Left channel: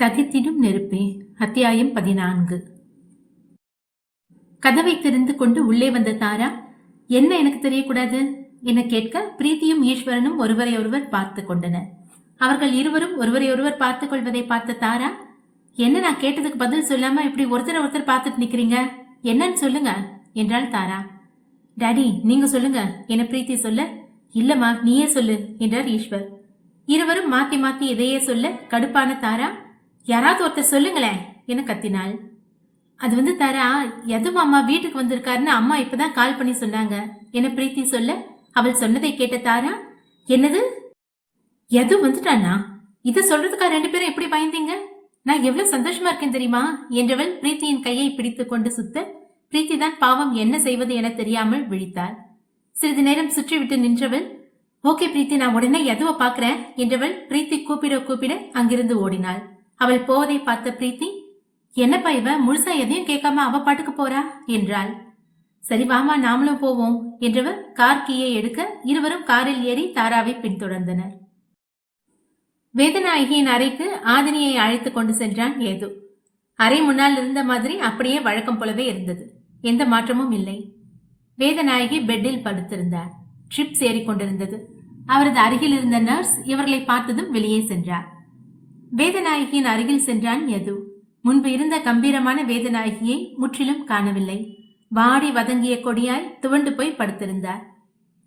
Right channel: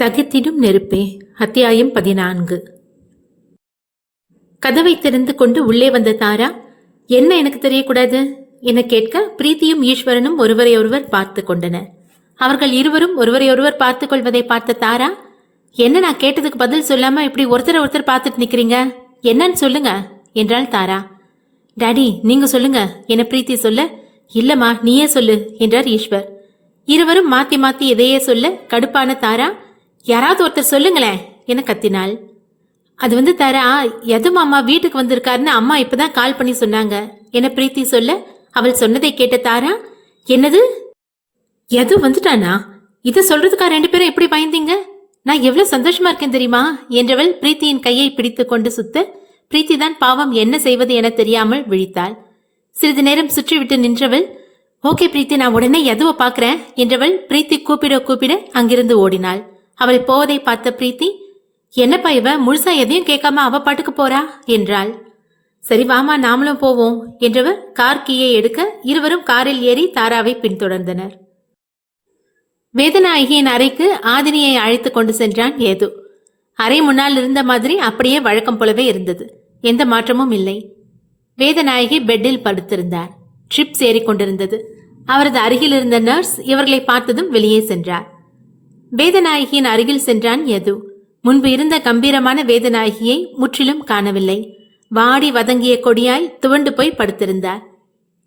தகித்திடும் நெருப்பே அத்தியாயம் பதினான்கு. கதவை திறந்து கொண்டு உள்ளே வந்த தாரா என்ன எனக்கு தெரியக்கூடாது? என கேட்க பிரீத்தியும் ஈஸ்வரனும் ஒருவரை ஒருவர் பார்த்து கொண்டனர். அவர்கள் இருவரும் ஒருவரை ஒருவர் பார்த்து கொள்வதை பார்த்த தாரா என்ன நான் கேட்டதுக்கு பதில் சொல்லாம இப்படி ஒருத்தரை ஒருத்தர் பார்த்துட்டு நிக்கிறீங்க? என்னன்னு சொல்லுங்க என்றாள் தாரா. டாடி நீங்க சொல்லுங்க என பிரீத்தி சொல்ல இல்லம்மா நீயே சொல்லு என்றார் ஈஸ்வர். இருவரும் மாத்தி மாத்தி எதையே சொல்ல கடுப்பான தாரா யாராவது ஒருத்தர் சொல்லுங்களேன் என கத்தினாள்? அது வந்து தரா எது மாமா வீட்டுக்கு வந்திருக்காருன்னு அம்மா இப்பதான் கால் பண்ணி சொன்னாங்க. என பிரீத்தி சொல்ல? அவள் சொன்னதை கேட்ட தாரா என்னது? எது வந்துட்டானா? இதை சொல்றதுக்கா ரெண்டு பேரும் எப்படி பயந்தீங்க? நான் எவ்வளவு சந்தோஷமா இருக்கேன் தெரியுமா? என்றவள் பிரீத்தியின் கையை பிடித்து கொண்டு சுத்த பிரீத்தி தான் பாவம் என்ன செய்வது என தெரியாமல் விழித்தாள். சிறிது நேரம் சுற்றிவிட்டு நின்றவள் ஓகே பிரீத்தி நான் உடனே எதுவை பாக்குறேன்? என்றவள் பிரீத்தி கூப்பிட கூப்பிட அங்கிருந்து ஓடினாள். அவள் போவதை பார்த்த பிரீத்தி என்னப்பா இவ? முழுசா எதையும் கேட்காம அவ பாட்டுக்கு போறா? என்றாள். சரி வாமா நாமளும் போவோம் என்றவர் கார் கீயை எடுக்க இருவரும் காரில் ஏறி தாராவை பின்தொடர்ந்தனர். வேதநாயகியின் அறைக்கு ஆதினியை அழைத்து கொண்டு சென்றான் ஏது. அறை முன்னால் இருந்த மாதிரி அப்படியே வழக்கம் போலவே இருந்தது. எந்த மாற்றமும் இல்லை. வேதநாயகி பெட்டில் படுத்திருந்தார். ட்ரிப்ஸ் ஏறிக்கொண்டிருந்தது அவரது அருகில் இருந்த நர்ஸ் இவர்களை பார்த்ததும் வெளியே சென்றார். வேதநாயகியின் அருகில் சென்றான் யது. முன்பு இருந்த கம்பீரமான வேதநாயகியை முற்றிலும் காணவில்லை. வாடி வதங்கிய கொடியாய் துவண்டு போய் படுத்திருந்தார்.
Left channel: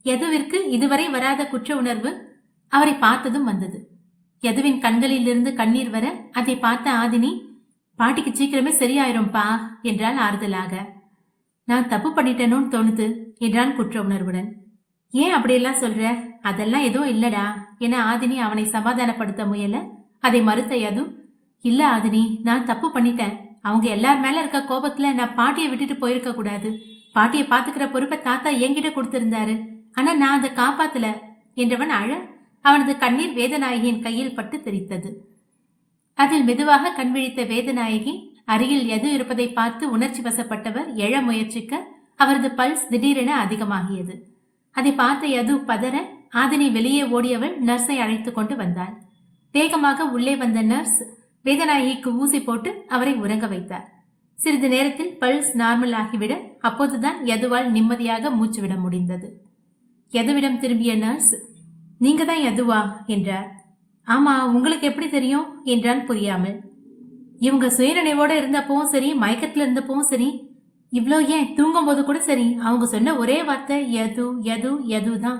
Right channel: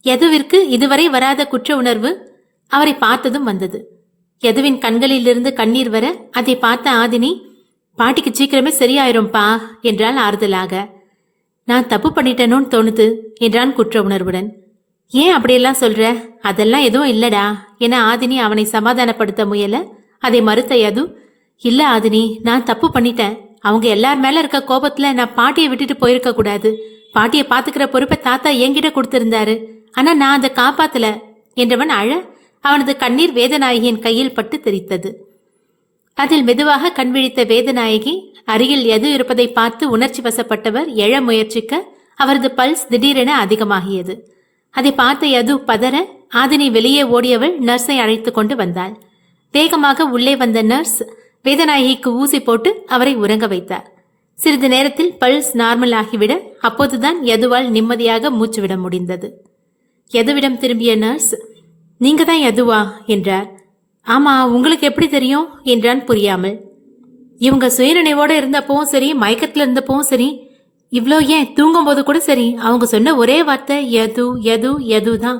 யதுவிற்கு இதுவரை வராத குற்ற உணர்வு அவரை பார்த்ததும் வந்தது. யதுவின் கண்களிலிருந்து கண்ணீர் வர அதை பார்த்த ஆதினி பாட்டிக்கு சீக்கிரமே சரியாயிரும்பா என்றாள் ஆறுதலாக. நான் தப்பு பண்ணிட்டேனோன்னு தோணுது என்றான் குற்ற உணர்வுடன். ஏன் அப்படியெல்லாம் சொல்ற? அதெல்லாம் எதுவும் இல்லடா என ஆதினி அவனை சமாதானப்படுத்த முயல அதை மறுத்த யது இல்ல ஆதினி நான் தப்பு பண்ணிட்டேன். அவங்க எல்லார் மேல இருக்க கோபத்துல நான் பாட்டியை விட்டுட்டு போயிருக்க கூடாது. பாட்டியை பாத்துக்கிற பொறுப்பை தாத்தா என்கிட்ட கொடுத்திருந்தாரு. ஆனா நான் அதை காப்பாத்தல. என்றவன் அழ அவனது கண்ணீர் வேதநாயகியின் கையில் பட்டு தெரித்தது. அதில் மெதுவாக கண் விழித்த வேதநாயகி அருகில் எது இருப்பதை பார்த்து உணர்ச்சி வசப்பட்டவர் எழ முயற்சிக்க அவரது பல்ஸ் திடீரென அதிகமாகியது. அதை பார்த்த யது பதற ஆதினி வெளியே ஓடியவள் நர்ஸை அழைத்து கொண்டு வந்தாள். வேகமாக உள்ளே வந்த நர்ஸ் வேதநாயகிக்கு ஊசி போட்டு அவரை உறங்க வைத்தார். சிறிது நேரத்தில் பல்ஸ் நார்மல் ஆகிவிட அப்போதுதான் யதுவால் நிம்மதியாக மூச்சுவிட முடிந்தது. யதுவிடம் திரும்பிய நர்ஸ் நீங்க தான் யதுவா? என்றார். ஆமா உங்களுக்கு எப்படி தெரியும்? என்றான் புரியாமல். இவங்க சுயநினைவோட இருந்தப்பவும் சரி மயக்கத்துல இருந்தப்பவும் சரி இவ்வளோ ஏன் தூங்கும்போது கூட சரி அவங்க சொன்ன ஒரே வார்த்தை எது எது எது தான்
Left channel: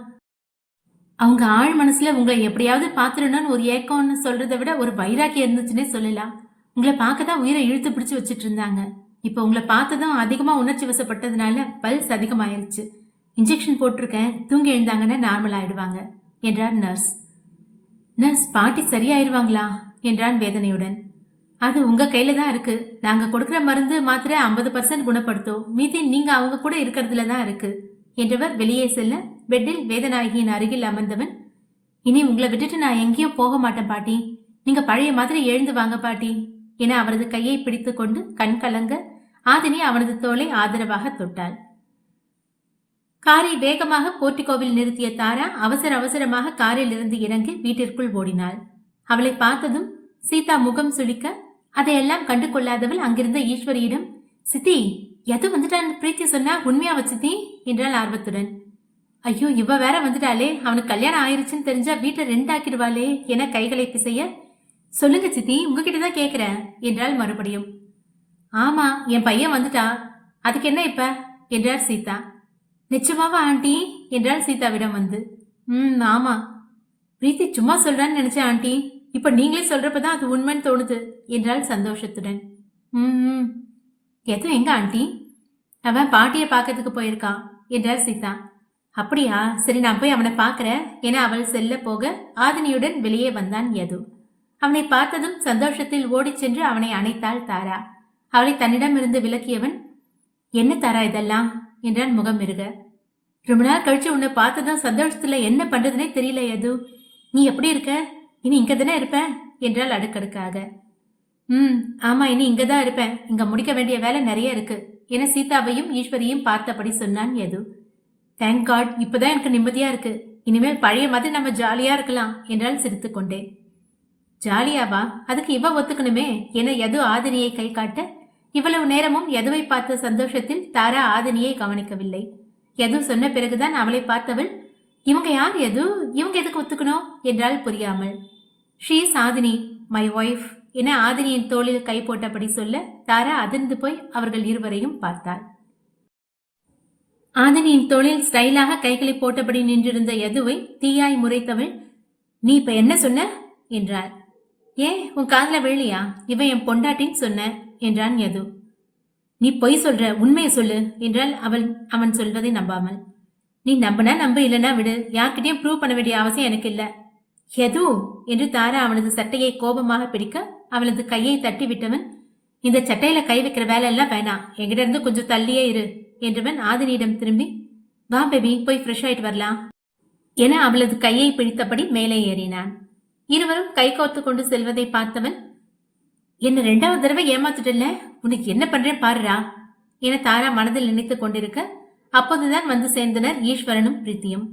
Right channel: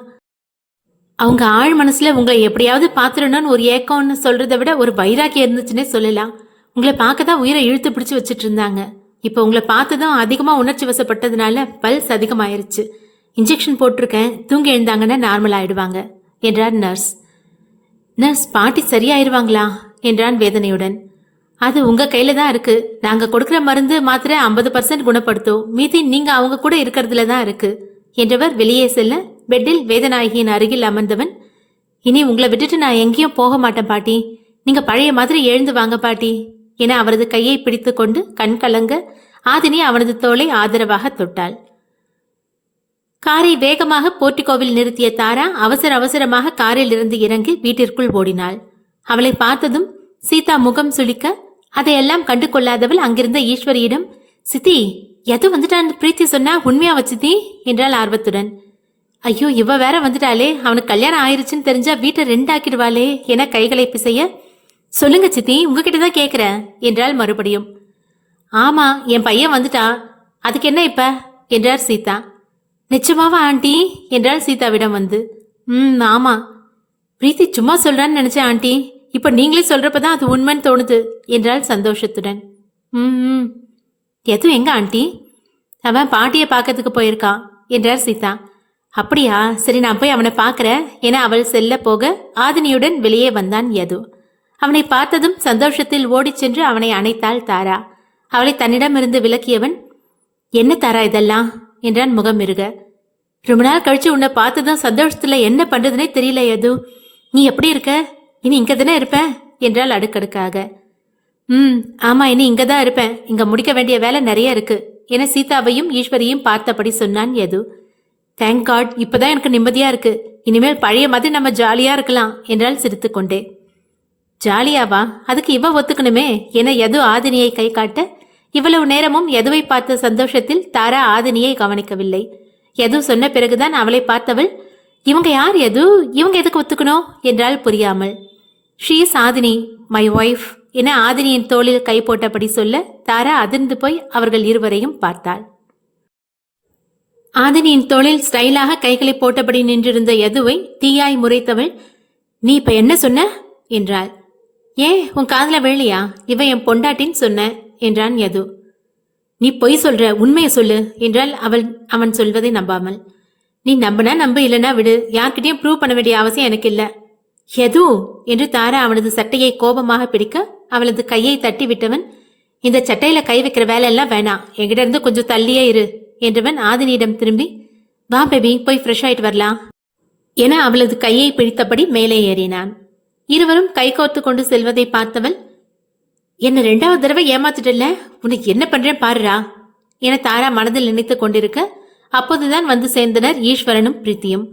அவங்க ஆழ் மனசுல உங்களை எப்படியாவது பாத்துடணும்னு ஒரு ஏக்கம்னு சொல்றதை விட ஒரு வைராக்கியம் இருந்துச்சுன்னே சொல்லலாம். உங்களை பார்க்க தான் உயிரை இழுத்து பிடிச்சு வச்சுட்டு இருந்தாங்க. இப்போ உங்களை பார்த்ததும் அதிகமா உணர்ச்சி வசப்பட்டதுனால பல்ஸ் அதிகமாயிருச்சு. இன்ஜெக்ஷன் போட்டிருக்கேன் தூங்கி எழுந்தாங்கன்னா நார்மல் ஆயிடுவாங்க என்றார் நர்ஸ். நர்ஸ் பாட்டி சரியாயிருவாங்களா? என்றான் வேதனையுடன். அது உங்க கையில தான் இருக்கு. நாங்க கொடுக்குற மருந்து மாத்திரை ஐம்பது பர்சன்ட் குணப்படுத்தும். மீதி நீங்க அவங்க கூட இருக்கிறதுல தான் இருக்கு என்றவர் வெளியே செல்ல பெட்டில் வேதநாயகியின் அருகில் அமர்ந்தவன் இனி உங்களை விட்டுட்டு நான் எங்கேயும் போக மாட்டேன் பாட்டி. நீங்க பழைய மாதிரி எழுந்து வாங்க பாட்டி என அவரது கையை பிடித்து கொண்டு கண் கலங்க ஆதினி அவனது தோலை ஆதரவாக தொட்டாள். காரை வேகமாக போர்ட்டிகோவில் நிறுத்திய தாரா அவசர அவசரமாக காரில் இருந்து இறங்கி வீட்டிற்குள் ஓடினாள். அவளை பார்த்ததும் சீதா முகம் சுளிக்க அதையெல்லாம் கண்டு கொள்ளாதவள் அங்கிருந்த ஈஸ்வரியிடம் சித்தி எது வந்துட்டான்னு பிரீத்தி சொன்னா உண்மையா வச்சித்தி என்றாள் ஆர்வத்துடன். ஐயோ இவ வேற வந்துட்டாளே. அவனுக்கு கல்யாணம் ஆயிருச்சுன்னு தெரிஞ்சா வீட்டை ரெண்டாக்கிடுவாளே என கைகளை பிசைய சொல்லுங்க சித்தி உங்ககிட்ட தான் கேக்குறேன் என்றாள் மறுபடியும். ஆமா என் பையன் வந்துட்டான் அதுக்கு என்ன இப்ப? என்றார் சீதா. நிச்சயமாவா ஆண்டி? என்றாள் சீதாவிடம் வந்து. ம் ஆமா. பிரீத்தி சும்மா சொல்றான்னு நினைச்சேன் ஆண்டி. இப்ப நீங்களே சொல்றப்பதான் அது உண்மைன்னு தோணுது என்றாள் சந்தோஷத்துடன். ம் ம். எதுவும் எங்க ஆண்டி? அவன் பாட்டியை பார்க்கறதுக்கு போயிருக்கான் என்றார் சீதா. அப்படியா? சரி நான் போய் அவனை பார்க்கறேன். என அவள் செல்ல போக ஆதினியுடன் வெளியே வந்தான் யது. அவனை பார்த்ததும் சந்தோஷத்தில் ஓடிச் சென்று அவனை அணைத்தாள் தாரா. அவளை தன்னிடமிருந்து விலக்கியவன் என்ன தாரா இதெல்லாம்? என்றான் முகம் இருக ரொம்ப நாள் கழிச்சு உன்னை பார்த்ததும் சந்தோஷத்துல என்ன பண்றதுனே தெரியல யது. நீ எப்படி இருக்க? இனி இங்க தானே இருப்ப? என்றாள் அடுக்கடுக்காக. ம் ஆமா இனி இங்க தான் இருப்பேன். இங்க முடிக்க வேண்டிய வேலை நிறைய இருக்கு. என சீதாவையும் ஈஸ்வரியும் பார்த்தபடி சொன்னான் யது. தேங்க் காட் இப்பதான் எனக்கு நிம்மதியா இருக்கு. இனிமேல் பழைய மாதிரி நம்ம ஜாலியா இருக்கலாம் என்றால் சிரித்துக்கொண்டே. ஜாலியாவா? அதுக்கு இவ ஒத்துக்கணுமே? என எது ஆதினியை கை காட்ட இவ்வளவு நேரமும் எதுவை பார்த்த சந்தோஷத்தில் தாரா ஆதினியை கவனிக்கவில்லை. எது சொன்ன பிறகுதான் அவளை பார்த்தவள் இவங்க யார் எது இவங்க எதுக்கு ஒத்துக்கணும்? என்றால் புரியாமல். ஷீஸ் ஆதினி மை ஒய்ஃப் என ஆதினியின் தோளில் கை போட்டபடி சொல்ல தாரா அதிர்ந்து போய் அவர்கள் இருவரையும் பார்த்தாள். ஆதினியின் தொழில் ஸ்டைலாக கைகளை போட்டபடி நின்றிருந்த யதுவை தீயாய் முறைத்தவள் நீ இப்ப என்ன சொன்ன? என்றாள். ஏன் உன் காதல வேலையா இவ என் பொண்டாட்டின்னு சொன்ன என்றான் யது. நீ பொய் சொல்ற உண்மையை சொல்லு என்றால் அவள் அவன் சொல்வதை நம்பாமல். நீ நம்பினா நம்ப இல்லைன்னா விடு. யார்கிட்டயும் ப்ரூவ் பண்ண வேண்டிய அவசியம் எனக்கு இல்ல. எது என்று தாரா அவனது சட்டையை கோபமாக பிடிக்க அவளது கையை தட்டி விட்டவன் இந்த சட்டையில கை வைக்கிற வேலை எல்லாம் வேணாம். எங்கிட்ட இருந்து கொஞ்சம் தள்ளியே இரு. என்றவன் ஆதினியிடம் திரும்பி வா பேபி போய் ஃப்ரெஷ் ஆயிட்டு வரலாம். என அவளது கையை பிடித்தபடி மேலே ஏறினான். இருவரும் கை கோர்த்து கொண்டு செல்வதை பார்த்தவன் என்ன ரெண்டாவது தடவை ஏமாத்துட்டல உனக்கு என்ன பண்றேன் பாருடா. என தாரா மனதில் நினைத்துக் கொண்டிருக்க அப்போதுதான் வந்து சேர்ந்தனர் ஈஸ்வரனும் பிரீத்தியும்.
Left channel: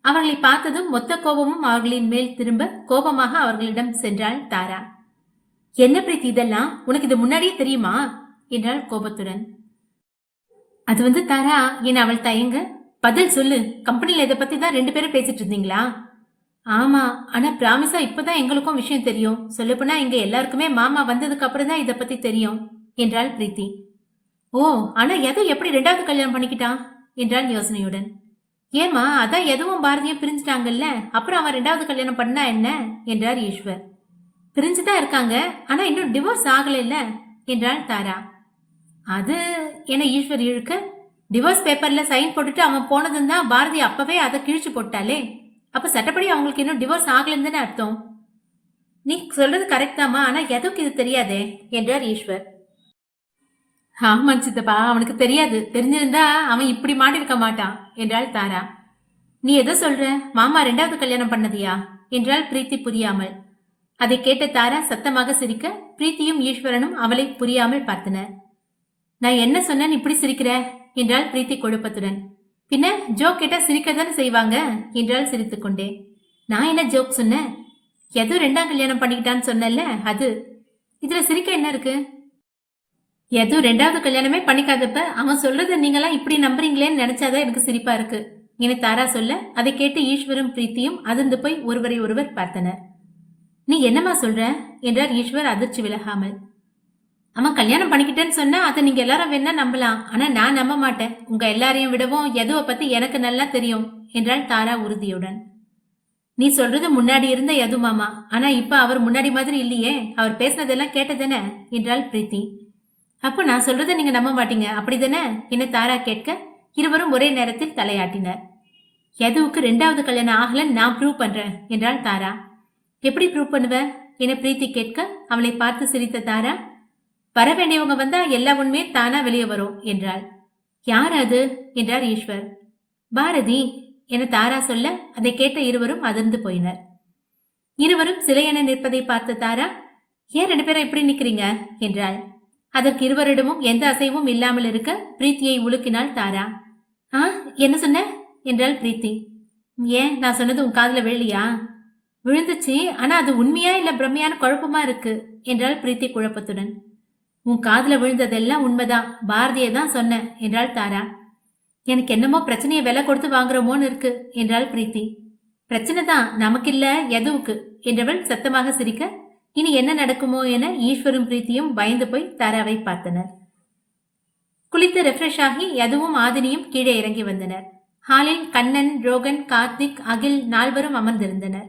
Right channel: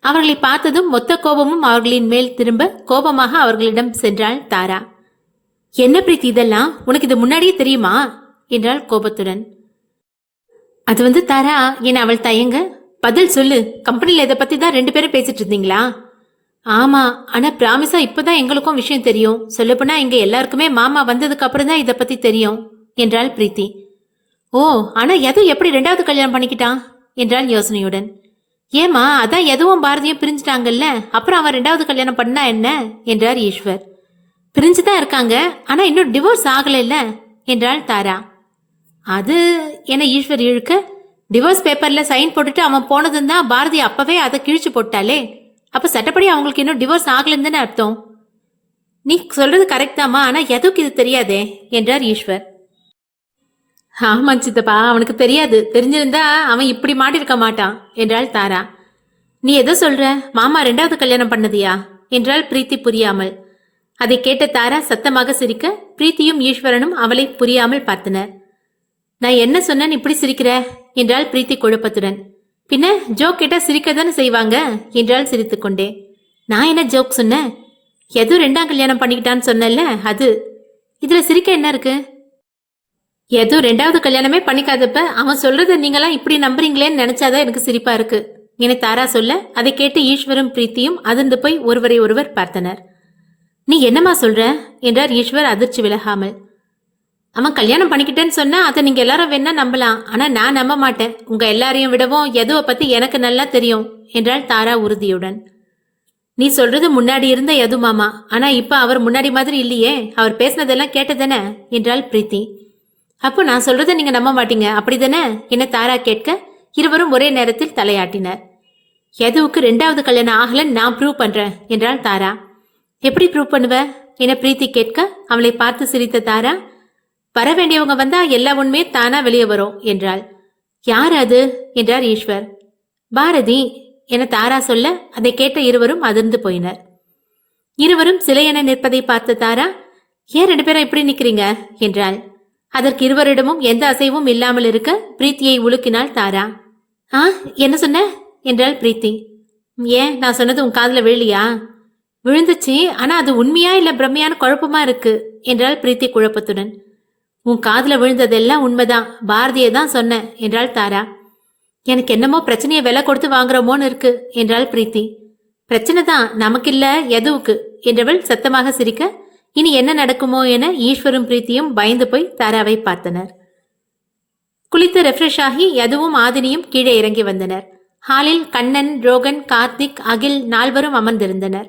அவர்களை பார்த்ததும் மொத்த கோபமும் அவர்களின் மேல் திரும்ப கோபமாக அவர்களிடம் சென்றாள் தாரா. என்ன பிரீத்தி இதெல்லாம்? உனக்கு இது முன்னாடியே தெரியுமா? என்றாள் கோபத்துடன். அது வந்து தாரா என அவள் தயங்க. பதில் சொல்லு. கம்பெனியில் இதை பத்தி தான் ரெண்டு பேரும் பேசிட்டு இருந்தீங்களா? ஆமா. ஆனா இப்போ இப்பதான் எங்களுக்கும் விஷயம் தெரியும். சொல்லப்போனா இங்கே எல்லாருக்குமே மாமா வந்ததுக்கு அப்புறம் தான் இதை பத்தி தெரியும் என்றாள் பிரீத்தி. ஓ ஆனா எதுவும் எப்படி ரெண்டாவது கல்யாணம் பண்ணிக்கிட்டான்? என்றாள் யோசனையுடன். ஏமா அதான் எதுவும் பாரதியும் பிரிஞ்சுட்டாங்கல்ல? அப்புறம் அவன் ரெண்டாவது கல்யாணம் பண்ணா என்ன? என்றார் ஈஸ்வர். பிரிஞ்சுதான் இருக்காங்க ஆனா இன்னும் டிவோர்ஸ் ஆகலைல்ல? என்றாள் தாரா. அது என ஈஸ்வர் இழுக்க? டிவோர்ஸ் பேப்பர்ல சைன் போட்டுட்டு அவன் போனதும் தான் பாரதி அப்பவே அதை கிழிச்சு போட்டாலே அப்ப சட்டப்படி அவங்களுக்கு இன்னும் டிவோர்ஸ் ஆகலன்னு தானே அர்த்தம்? நீ சொல்றது கரெக்ட் தாமா ஆனா எதுக்கு இது தெரியாதே? என்றார் ஈஸ்வர். ஆமா சித்தப்பா அவனுக்கு தெரியாது. தெரிஞ்சிருந்தா அவன் இப்படி மாட்டிருக்க மாட்டான் என்றாள் தாரா. நீ எதோ சொல்ற? மாமா ரெண்டாவது கல்யாணம் பண்ணதியா? என்றாள் பிரீத்தி புரியாமல். அதை கேட்ட தாரா சத்தமாக சிரிக்க பிரீத்தியும் ஈஸ்வரனும் அவளை புரியாமல் பார்த்தனர். நான் என்ன சொன்னேன் இப்படி சிரிக்கிற? என்றாள் பிரீத்தி குழப்பத்துடன். பின்ன ஜோக் கேட்டா சிரிக்க தானே செய்வாங்க? என்றாள் சிரித்துக்கொண்டே. நான் என்ன ஜோக் சொன்னேன்? எதுவும் ரெண்டாம் கல்யாணம் பண்ணிக்கிட்டான்னு சொன்னேன்ல அது? இதுல சிரிக்க என்ன இருக்கு? எதுவும் ரெண்டாவது கல்யாணமே பண்ணிக்காதப்ப அவன் சொல்றத நீங்களாம் இப்படி நம்புறீங்களேன்னு நினைச்சாதான் எனக்கு சிரிப்பா இருக்கு. என தாரா சொல்ல? அதை கேட்டு ஈஸ்வரும் பிரீத்தியும் அதிர்ந்து போய் ஒருவரை ஒருவர் பார்த்தனர். நீ என்னம்மா சொல்ற? என்றார் ஈஸ்வர் அதிர்ச்சி விலகாமல். அவன் கல்யாணம் பண்ணிக்கிட்டேன்னு சொன்னா அதை நீங்க எல்லாரும் வேணா நம்பலாம். ஆனா நான் நம்ப மாட்டேன். உங்க எல்லாரையும் விடவும் எதுவை பத்தி எனக்கு நல்லா தெரியும் என்றாள் தாரா உறுதியுடன். நீ சொல்றது முன்னாடி இருந்த எது மாமா. ஆனா இப்ப அவர் முன்னாடி மாதிரி இல்லையே. அவர் பேசினதெல்லாம் கேட்டதானே என்றாள் பிரீத்தி. அப்போ நான் சொல்றதை நீங்க நம்ப மாட்டீங்க. அப்படிதானே? என்ன தாரா கேட்க இருவரும் ஒரே நேரத்தில் தலையாட்டினர். எதுவுக்கு ரெண்டாவது கல்யாணம் ஆகலன்னு நான் ப்ரூவ் பண்றேன் என்றாள் தாரா. எப்படி ப்ரூவ் பண்ணுவ? என பிரீத்தி கேட்க அவளை பார்த்து சிரித்த தாரா வர வேண்டியவங்க வந்தா எல்லா உண்மையும் தானா வெளியே வரும் என்றாள். யார் அது? என்றார் ஈஸ்வர். பாரதி என தாரா சொல்ல அதை கேட்ட இருவரும் அதிர்ந்து போயினர். இருவரும் சிலையென நிற்பதை பார்த்த தாரா ஏன் ரெண்டு பேரும் இப்படி நிக்கிறீங்க? என்றாள். அதற்கு இருவரிடமும் எந்த அசைவும் இல்லாமல் இருக்க பிரீத்தியை உலுக்கினாள் தாரா. ஆ என்ன சொன்ன? என்றாள் பிரீத்தி. ஏன் நான் சொன்னது உன் காதல விழலியா? விழுந்துச்சு ஆனா அது உண்மையா இல்ல பிரம்மையான குழப்பமா இருக்கு என்றாள் பிரீத்தி குழப்பத்துடன். உன் காதுல விழுந்ததெல்லாம் உண்மைதான். பாரதியை தான் சொன்னேன் என்றாள் தாரா. எனக்கு என்னமோ பிரச்சனையை விலை கொடுத்து வாங்குறோமோன்னு இருக்கு என்றாள் பிரீத்தி. பிரச்சனை தான் நமக்கு இல்ல எதுவுக்கு என்றவள் சத்தமாக சிரிக்க இனி என்ன நடக்குமோ என ஈஸ்வரும் பிரீத்தியும் பயந்து போய் தாராவை பார்த்தனர். குளித்து ரெஃப்ரெஷ் ஆகி எதுவும் ஆதினியும் கீழே இறங்கி வந்தனர். ஹாலில் கண்ணன் ரோகன் கார்த்திக் அகில் நால்வரும் அமர்ந்திருந்தனர்.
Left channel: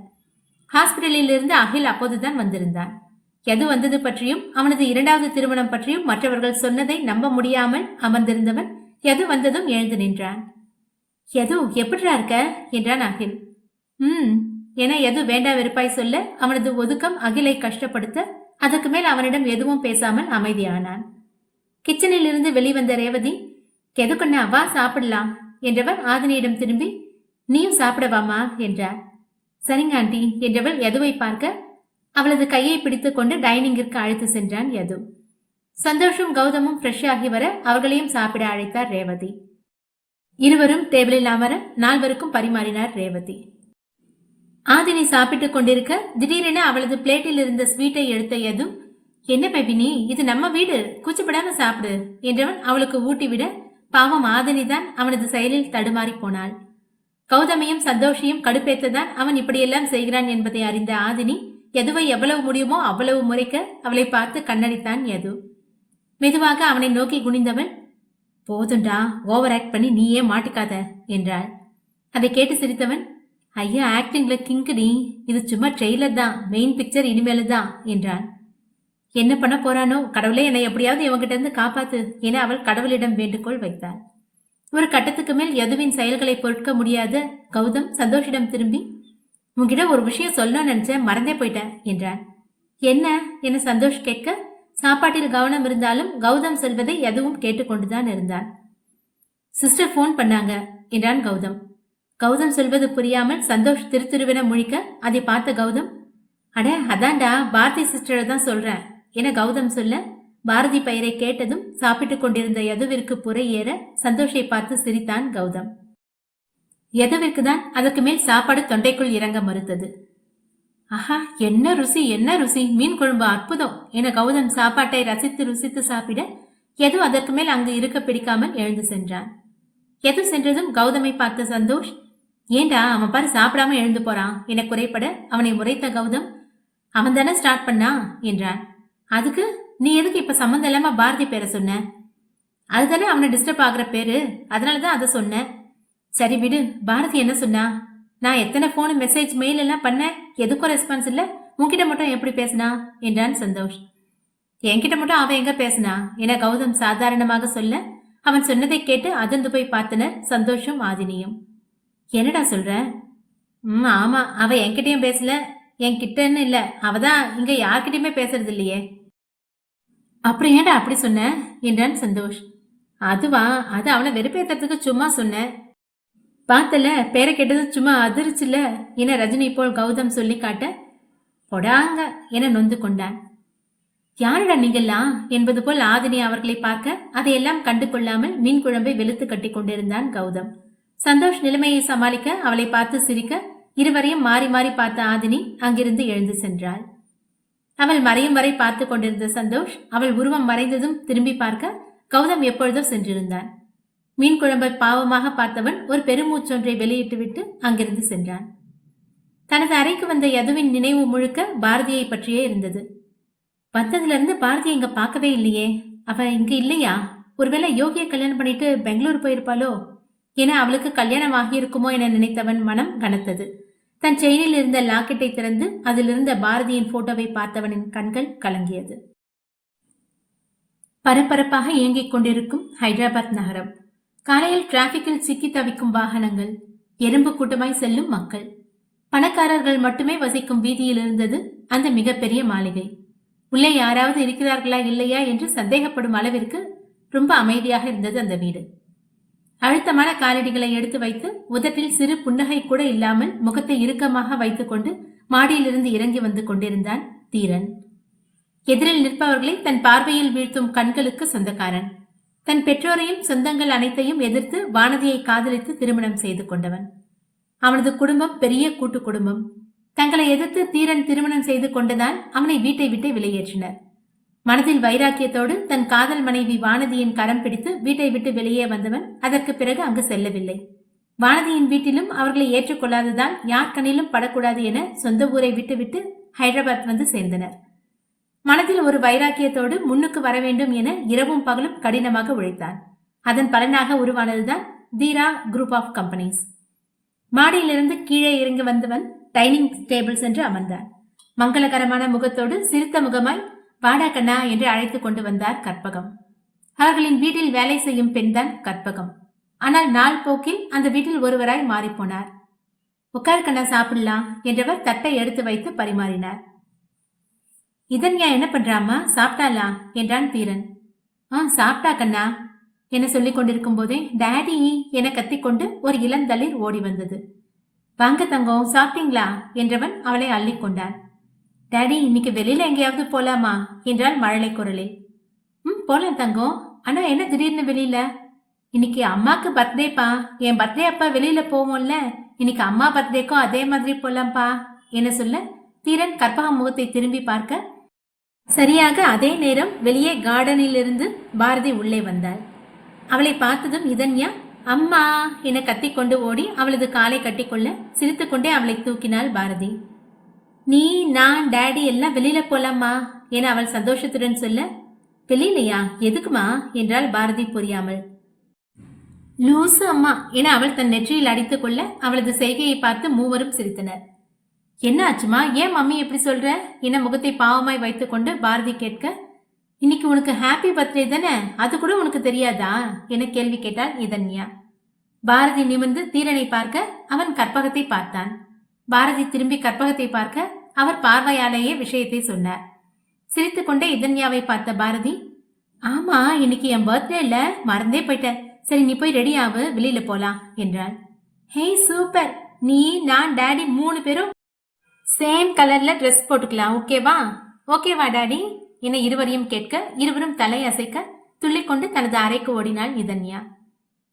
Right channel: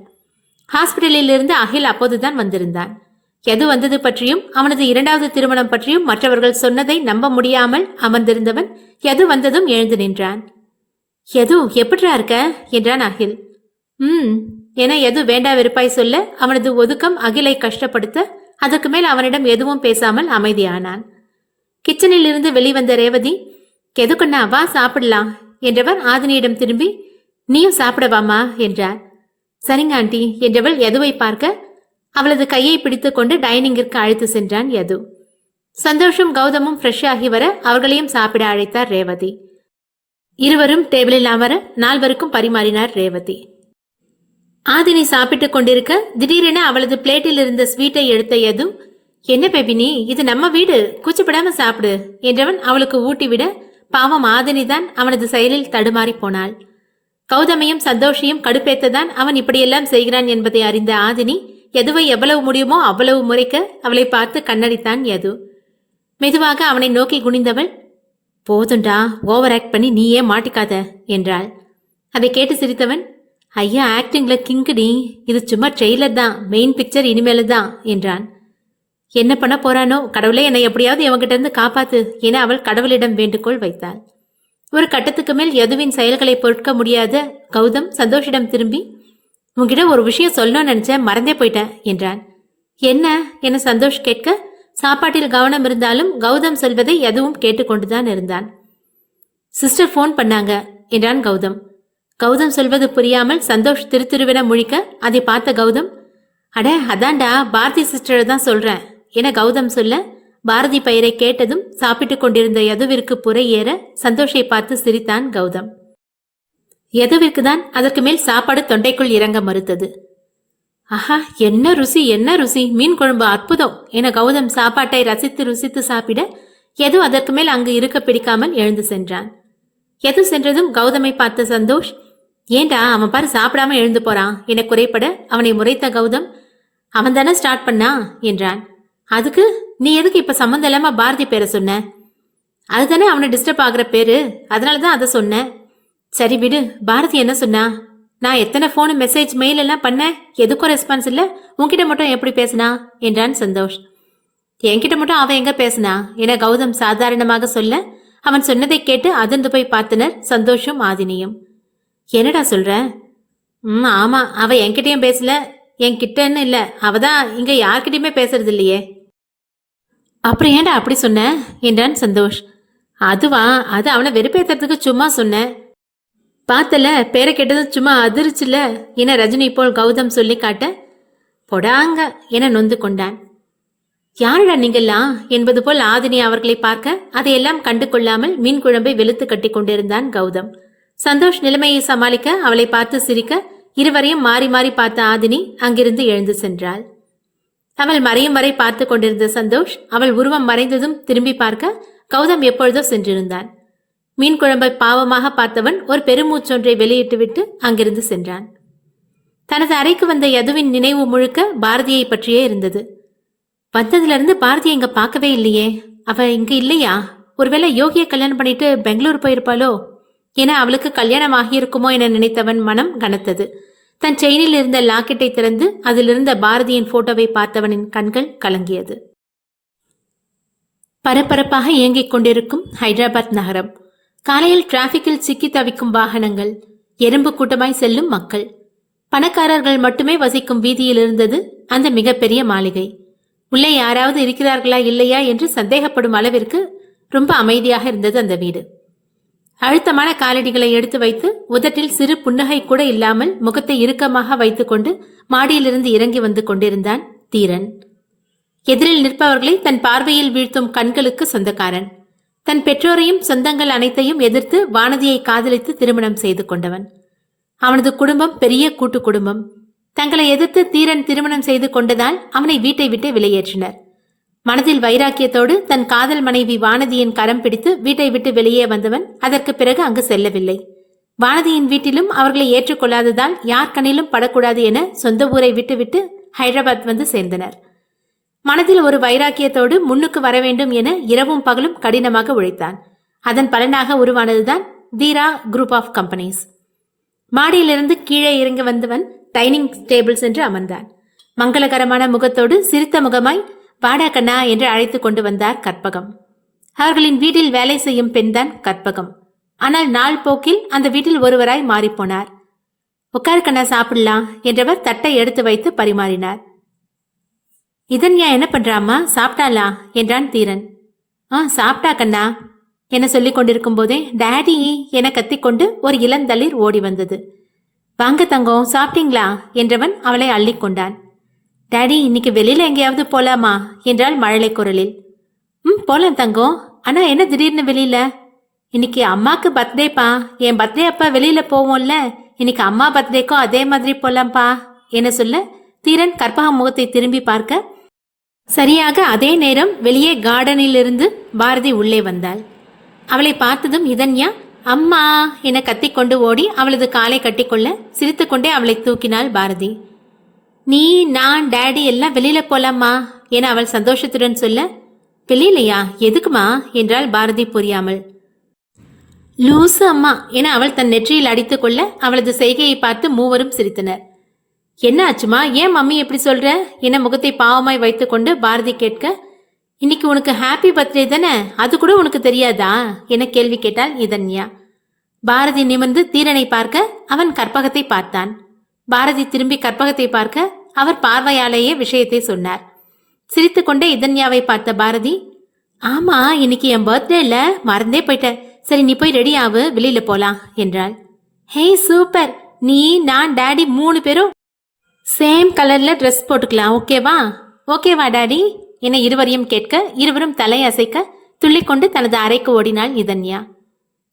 ஹாஸ்பிட்டலில் இருந்து அகில் அப்போதுதான் வந்திருந்தான். எது வந்தது பற்றியும் அவனது இரண்டாவது திருமணம் பற்றியும் மற்றவர்கள் சொன்னதை நம்ப முடியாமல் அமர்ந்திருந்தவன் எது வந்ததும் எழுந்து நின்றான். எது எப்படிரா இருக்க? என்றான் அகில். ம் என எது வேண்டா வெறுப்பாய் சொல்ல அவனது ஒதுக்கம் அகிலை கஷ்டப்படுத்த அதற்கு மேல் அவனிடம் எதுவும் பேசாமல் அமைதியானான். கிச்சனில் இருந்து வெளிவந்த ரேவதி எதுக்குண்ணா வா சாப்பிடலாம் என்றவர் ஆதினியிடம் திரும்பி நீயும் சாப்பிடவாமா? என்றார். சரிங்க ஆண்டி என்றவள் எதுவை பார்க்க அவளது கையை பிடித்துக்கொண்டு டைனிங்கிற்கு அழைத்து சென்றான் யது. சந்தோஷம் கௌதமும் ஃப்ரெஷ் ஆகி வர அவர்களையும் சாப்பிட அழைத்தார் ரேவதி. இருவரும் டேபிளில் அமர நால்வருக்கும் பரிமாறினார் ரேவதி. ஆதினி சாப்பிட்டுக் கொண்டிருக்க திடீரென அவளது பிளேட்டில் இருந்த ஸ்வீட்டை எடுத்த யது என்ன பெபினி இது நம்ம வீடு கூச்சப்படாம சாப்பிடு என்றவன் அவளுக்கு ஊட்டிவிட பாவம் ஆதினி தான் அவனது செயலில் தடுமாறி போனாள். கௌதமையும் சந்தோஷையும் கடுப்பேத்ததான் அவன் இப்படியெல்லாம் செய்கிறான் என்பதை அறிந்த ஆதினி எதுவை எவ்வளவு முடியுமோ அவ்வளவு முறைக்க அவளை பார்த்து கண்ணடித்தான் யது. மெதுவாக அவனை நோக்கி குனிந்தவள் போதுண்டா ஓவர் ஆக்ட் பண்ணி நீயே மாட்டிக்காத என்றாள். அதை கேட்டு சிரித்தவன் ஐயா ஆக்டிங்ல கிங்குடி இது சும்மா ட்ரெய்லர் தான் மெயின் பிக்சர் இனிமேல தான் என்றான். என்ன பண்ண போறானோ கடவுளே என்னை எப்படியாவது இவங்கிட்ட இருந்து காப்பாத்து என அவள் கடவுளிடம் வேண்டுகோள் வைத்தாள். ஒரு கட்டத்துக்கு மேல் யதுவின் செயல்களை பொறுக்க முடியாத கௌதம் சந்தோஷிடம் திரும்பி உங்ககிட்ட ஒரு விஷயம் சொல்லணும்னு நினைச்சேன் மறந்தே போயிட்டேன் என்றான். என்ன? என சந்தோஷ் கேட்க? சாப்பாட்டில் கவனம் இருந்தாலும் கௌதம் சொல்வதை எதுவும் கேட்டுக்கொண்டுதான் இருந்தான். சிஸ்டர் ஃபோன் பண்ணாங்க என்றான் கௌதம். கௌதம் சொல்வது புரியாமல் சந்தோஷ் திருத்திருவென முழிக்க அதை பார்த்த கௌதம் அட அதான்டா பாரதி சிஸ்டரை தான் சொல்றேன் என கௌதம் சொல்ல பாரதி பெயரை கேட்டதும் சாப்பிட்டுக் கொண்டிருந்த யதுவிற்கு புரை ஏற சந்தோஷை பார்த்து சிரித்தான் கௌதம். எதுவிற்குதான் அதற்கு மேல் சாப்பாடு தொண்டைக்குள் இறங்க மறுத்தது. ஆஹா என்ன ருசி என்ன ருசி மீன் குழம்பு அற்புதம் என கௌதம் சாப்பாட்டை ரசித்து ருசித்து சாப்பிட எது அதற்கு மேல் அங்கு இருக்க பிடிக்காமல் எழுந்து சென்றான். எது சென்றதும் கௌதமை பார்த்த சந்தோஷ் ஏண்டா அவன் பாரு சாப்பிடாம எழுந்து போறான் என குறைப்பட அவனை முறைத்த கௌதம் அவன் தானே ஸ்டார்ட் பண்ணா? என்றான். அதுக்கு நீ எதுக்கு இப்ப சம்மந்தம் இல்லாம பாரதி பேரை சொன்ன? அதுதானே அவனை டிஸ்டர்ப் ஆகுற பேரு அதனாலதான் அதை சொன்னேன் சரி விடு பாரதி என்ன சொன்னா? நான் எத்தனை ஃபோனு மெசேஜ் மெயில் எல்லாம் பண்ணேன் எதுக்கும் ரெஸ்பான்ஸ் இல்ல உன்கிட்ட மட்டும் எப்படி பேசினா? என்றான் சந்தோஷ். என்கிட்ட மட்டும் அவன் எங்க பேசினா? என கௌதம் சாதாரணமாக சொல்ல அவன் சொன்னதை கேட்டு அதிர்ந்து போய் பார்த்தனர் சந்தோஷம் ஆதினியும். என்னடா சொல்ற? ம் ஆமா அவ என்கிட்டயும் பேசல என்கிட்டன்னு இல்ல அவ தான் இங்க யார்கிட்டயுமே பேசுறது இல்லையே. அப்புறம் ஏன்டா அப்படி சொன்ன? என்றான் சந்தோஷ். அதுவா அது அவளை வெறுப்பேத்துறதுக்கு சும்மா சொன்னேன் பார்த்தல பேரை கேட்டதும் சும்மா அதிர்ச்சுல? என ரஜினி போல் கௌதம் சொல்லி காட்ட? பொடாங்க என நொந்து கொண்டான். யாருடா நீங்கெல்லாம்? என்பது போல் ஆதினி அவர்களை பார்க்க அதையெல்லாம் கண்டு கொள்ளாமல் மீன் குழம்பை வெளுத்து கட்டி கொண்டிருந்தான் கௌதம். சந்தோஷ் நிலைமையை சமாளிக்க அவளை பார்த்து சிரிக்க இருவரையும் மாறி மாறி பார்த்த ஆதினி அங்கிருந்து எழுந்து சென்றாள். அவள் மறையும் வரை பார்த்து கொண்டிருந்த சந்தோஷ் அவள் உருவம் மறைந்ததும் திரும்பி பார்க்க கௌதம் எப்பொழுதோ சென்றிருந்தான். மீன் குழம்பை பாவமாக பார்த்தவன் ஒரு பெருமூச்சொன்றை வெளியிட்டுவிட்டு அங்கிருந்து சென்றான். தனது அறைக்கு வந்த யதுவின் நினைவு முழுக்க பாரதியை பற்றியே இருந்தது. வந்ததிலிருந்து பாரதி இங்க பார்க்கவே இல்லையே. அவ இங்க இல்லையா? ஒருவேளை யோகியை கல்யாணம் பண்ணிட்டு பெங்களூர் போயிருப்பாளோ? என அவளுக்கு கல்யாணம் ஆகியிருக்குமோ என நினைத்தவன் மனம் கனத்தது. தன் செயினில் இருந்த லாக்கெட்டை திறந்து அதிலிருந்த பாரதியின் போட்டோவை பார்த்தவனின் கண்கள் கலங்கியது. பரபரப்பாக இயங்கிக் கொண்டிருக்கும் ஹைதராபாத் நகரம். காலையில் டிராபிக்கில் சிக்கி தவிக்கும் வாகனங்கள் எறும்பு கூட்டமாய் செல்லும் மக்கள். பணக்காரர்கள் மட்டுமே வசிக்கும் வீதியில் இருந்தது அந்த மிகப்பெரிய மாளிகை. உள்ளே யாராவது இருக்கிறார்களா இல்லையா என்று சந்தேகப்படும் அளவிற்கு ரொம்ப அமைதியாக இருந்தது அந்த வீடு. அழுத்தமான காலடிகளை எடுத்து வைத்து உதட்டில் சிறு புன்னகை கூட இல்லாமல் முகத்தை இறுக்கமாக வைத்துக்கொண்டு மாடியிலிருந்து இறங்கி வந்து கொண்டிருந்தான் தீரன். எதிரில் நிற்பவர்களை தன் பார்வையில் வீழ்த்தும் கண்களுக்கு சொந்தக்காரன். தன் பெற்றோரையும் சொந்தங்கள் அனைத்தையும் எதிர்த்து வானதியை காதலித்து திருமணம் செய்து கொண்டவன். அவனது குடும்பம் பெரிய கூட்டு குடும்பம். தங்களை எதிர்த்து தீரன் திருமணம் செய்து கொண்டதால் அவனை வீட்டை விட்டு வெளியேற்றினர். மனதில் வைராக்கியத்தோடு தன் காதல் மனைவி வானதியின் கரம் பிடித்து வீட்டை விட்டு வெளியே வந்தவன் அதற்கு பிறகு அங்கு செல்லவில்லை. வானதியின் வீட்டிலும் அவர்களை ஏற்றுக்கொள்ளாததால் யார் கண்ணிலும் படக்கூடாது என சொந்த ஊரை விட்டுவிட்டு ஹைதராபாத் வந்து சேர்ந்தனர். மனதில் ஒரு வைராக்கியத்தோடு முன்னுக்கு வர வேண்டும் என இரவும் பகலும் கடினமாக உழைத்தான். அதன் பலனாக உருவானதுதான் தீரா குரூப் ஆஃப் கம்பெனிஸ் மாடியிலிருந்து கீழே இறங்கி வந்தவன் டைனிங் டேபிள் சென்று அமர்ந்தான். மங்களகரமான முகத்தோடு சிரித்த முகமாய் வாடா கண்ணா என்று அழைத்து கொண்டு வந்தார் கற்பகம். அவர்களின் வீட்டில் வேலை செய்யும் பெண்தான் கற்பகம். ஆனால் நாள் போக்கில் அந்த வீட்டில் ஒருவராய் மாறிப்போனார். உட்கார் கண்ணா சாப்பிடலாம் என்றவர் தட்டை எடுத்து வைத்து பரிமாறினார். இதன்யா என்ன பண்றாமா சாப்பிட்டாளா? என்றான் தீரன். ஆ சாப்பிட்டா கண்ணா. என சொல்லிக் கொண்டிருக்கும் போதே டேடி என கத்திக்கொண்டு ஒரு இளந்தளிர் ஓடி வந்தது. வாங்க தங்கம் சாப்பிட்டீங்களா? என்றவன் அவளை அள்ளிக்கொண்டான் டாடி இன்னைக்கு வெளியில எங்கேயாவது போலாமா? என்றாள் மழலை குரலில். ம் போலாம் தங்கம். ஆனா என்ன திடீர்னு வெளியில? இன்னைக்கு அம்மாக்கு பர்த்டேப்பா. என் பர்த்டே அப்பா வெளியில போவோம்ல. இன்னைக்கு அம்மா பர்த்டேக்கும் அதே மாதிரி போலாம்ப்பா. என சொல்ல தீரன் கற்பகம் முகத்தை திரும்பி பார்க்க சரியாக அதே நேரம் வெளியே கார்டனிலிருந்து பாரதி உள்ளே வந்தாள். அவளை பார்த்ததும் இதன்யா அம்மா என கத்திக்கொண்டு ஓடி அவளது காலை கட்டிக்கொள்ள சிரித்துக்கொண்டே அவளை தூக்கினாள் பாரதி. நீ நான் டேடி எல்லாம் வெளியில போலாமா என அவள் சந்தோஷத்துடன் சொல்ல வெளியிலையா எதுக்குமா என்றாள் பாரதி புரியாமல். லூசு அம்மா என அவள் தன் நெற்றியில் அடித்துக்கொள்ள அவளது செய்கையை பார்த்து மூவரும் சிரித்தனர். என்ன ஆச்சுமா? ஏன் மம்மி எப்படி சொல்ற? என முகத்தை பாவமாய் வைத்துக்கொண்டு பாரதி கேட்க இன்னைக்கு உனக்கு ஹாப்பி பர்த்டே தானே? அது கூட உனக்கு தெரியாதா? என கேள்வி கேட்டாள் இதன்யா. பாரதி நிமிர்ந்து தீரனை பார்க்க அவன் கற்பகத்தை பார்த்தான். பாரதி திரும்பி கற்பகத்தை பார்க்க அவர் பார்வையாலேயே விஷயத்தை சொன்னார். சிரித்துக்கொண்டே இதன்யாவை பார்த்த பாரதி ஆமா இன்னைக்கு என் பர்த்டே இல்ல மறந்தே போயிட்டேன் சரி நீ போய் ரெடி ஆகு வெளியில போலாம் என்றாள். Hey super! நீ நான் டேடி மூணு பேரும் சேம் கலர்ல ட்ரெஸ் போட்டுக்கலாம் ஓகேவா ஓகேவா டாடி என இருவரையும் கேட்க இருவரும் தலை அசைக்க துள்ளிக்கொண்டு தனது அறைக்கு ஓடினாள் இதன்யா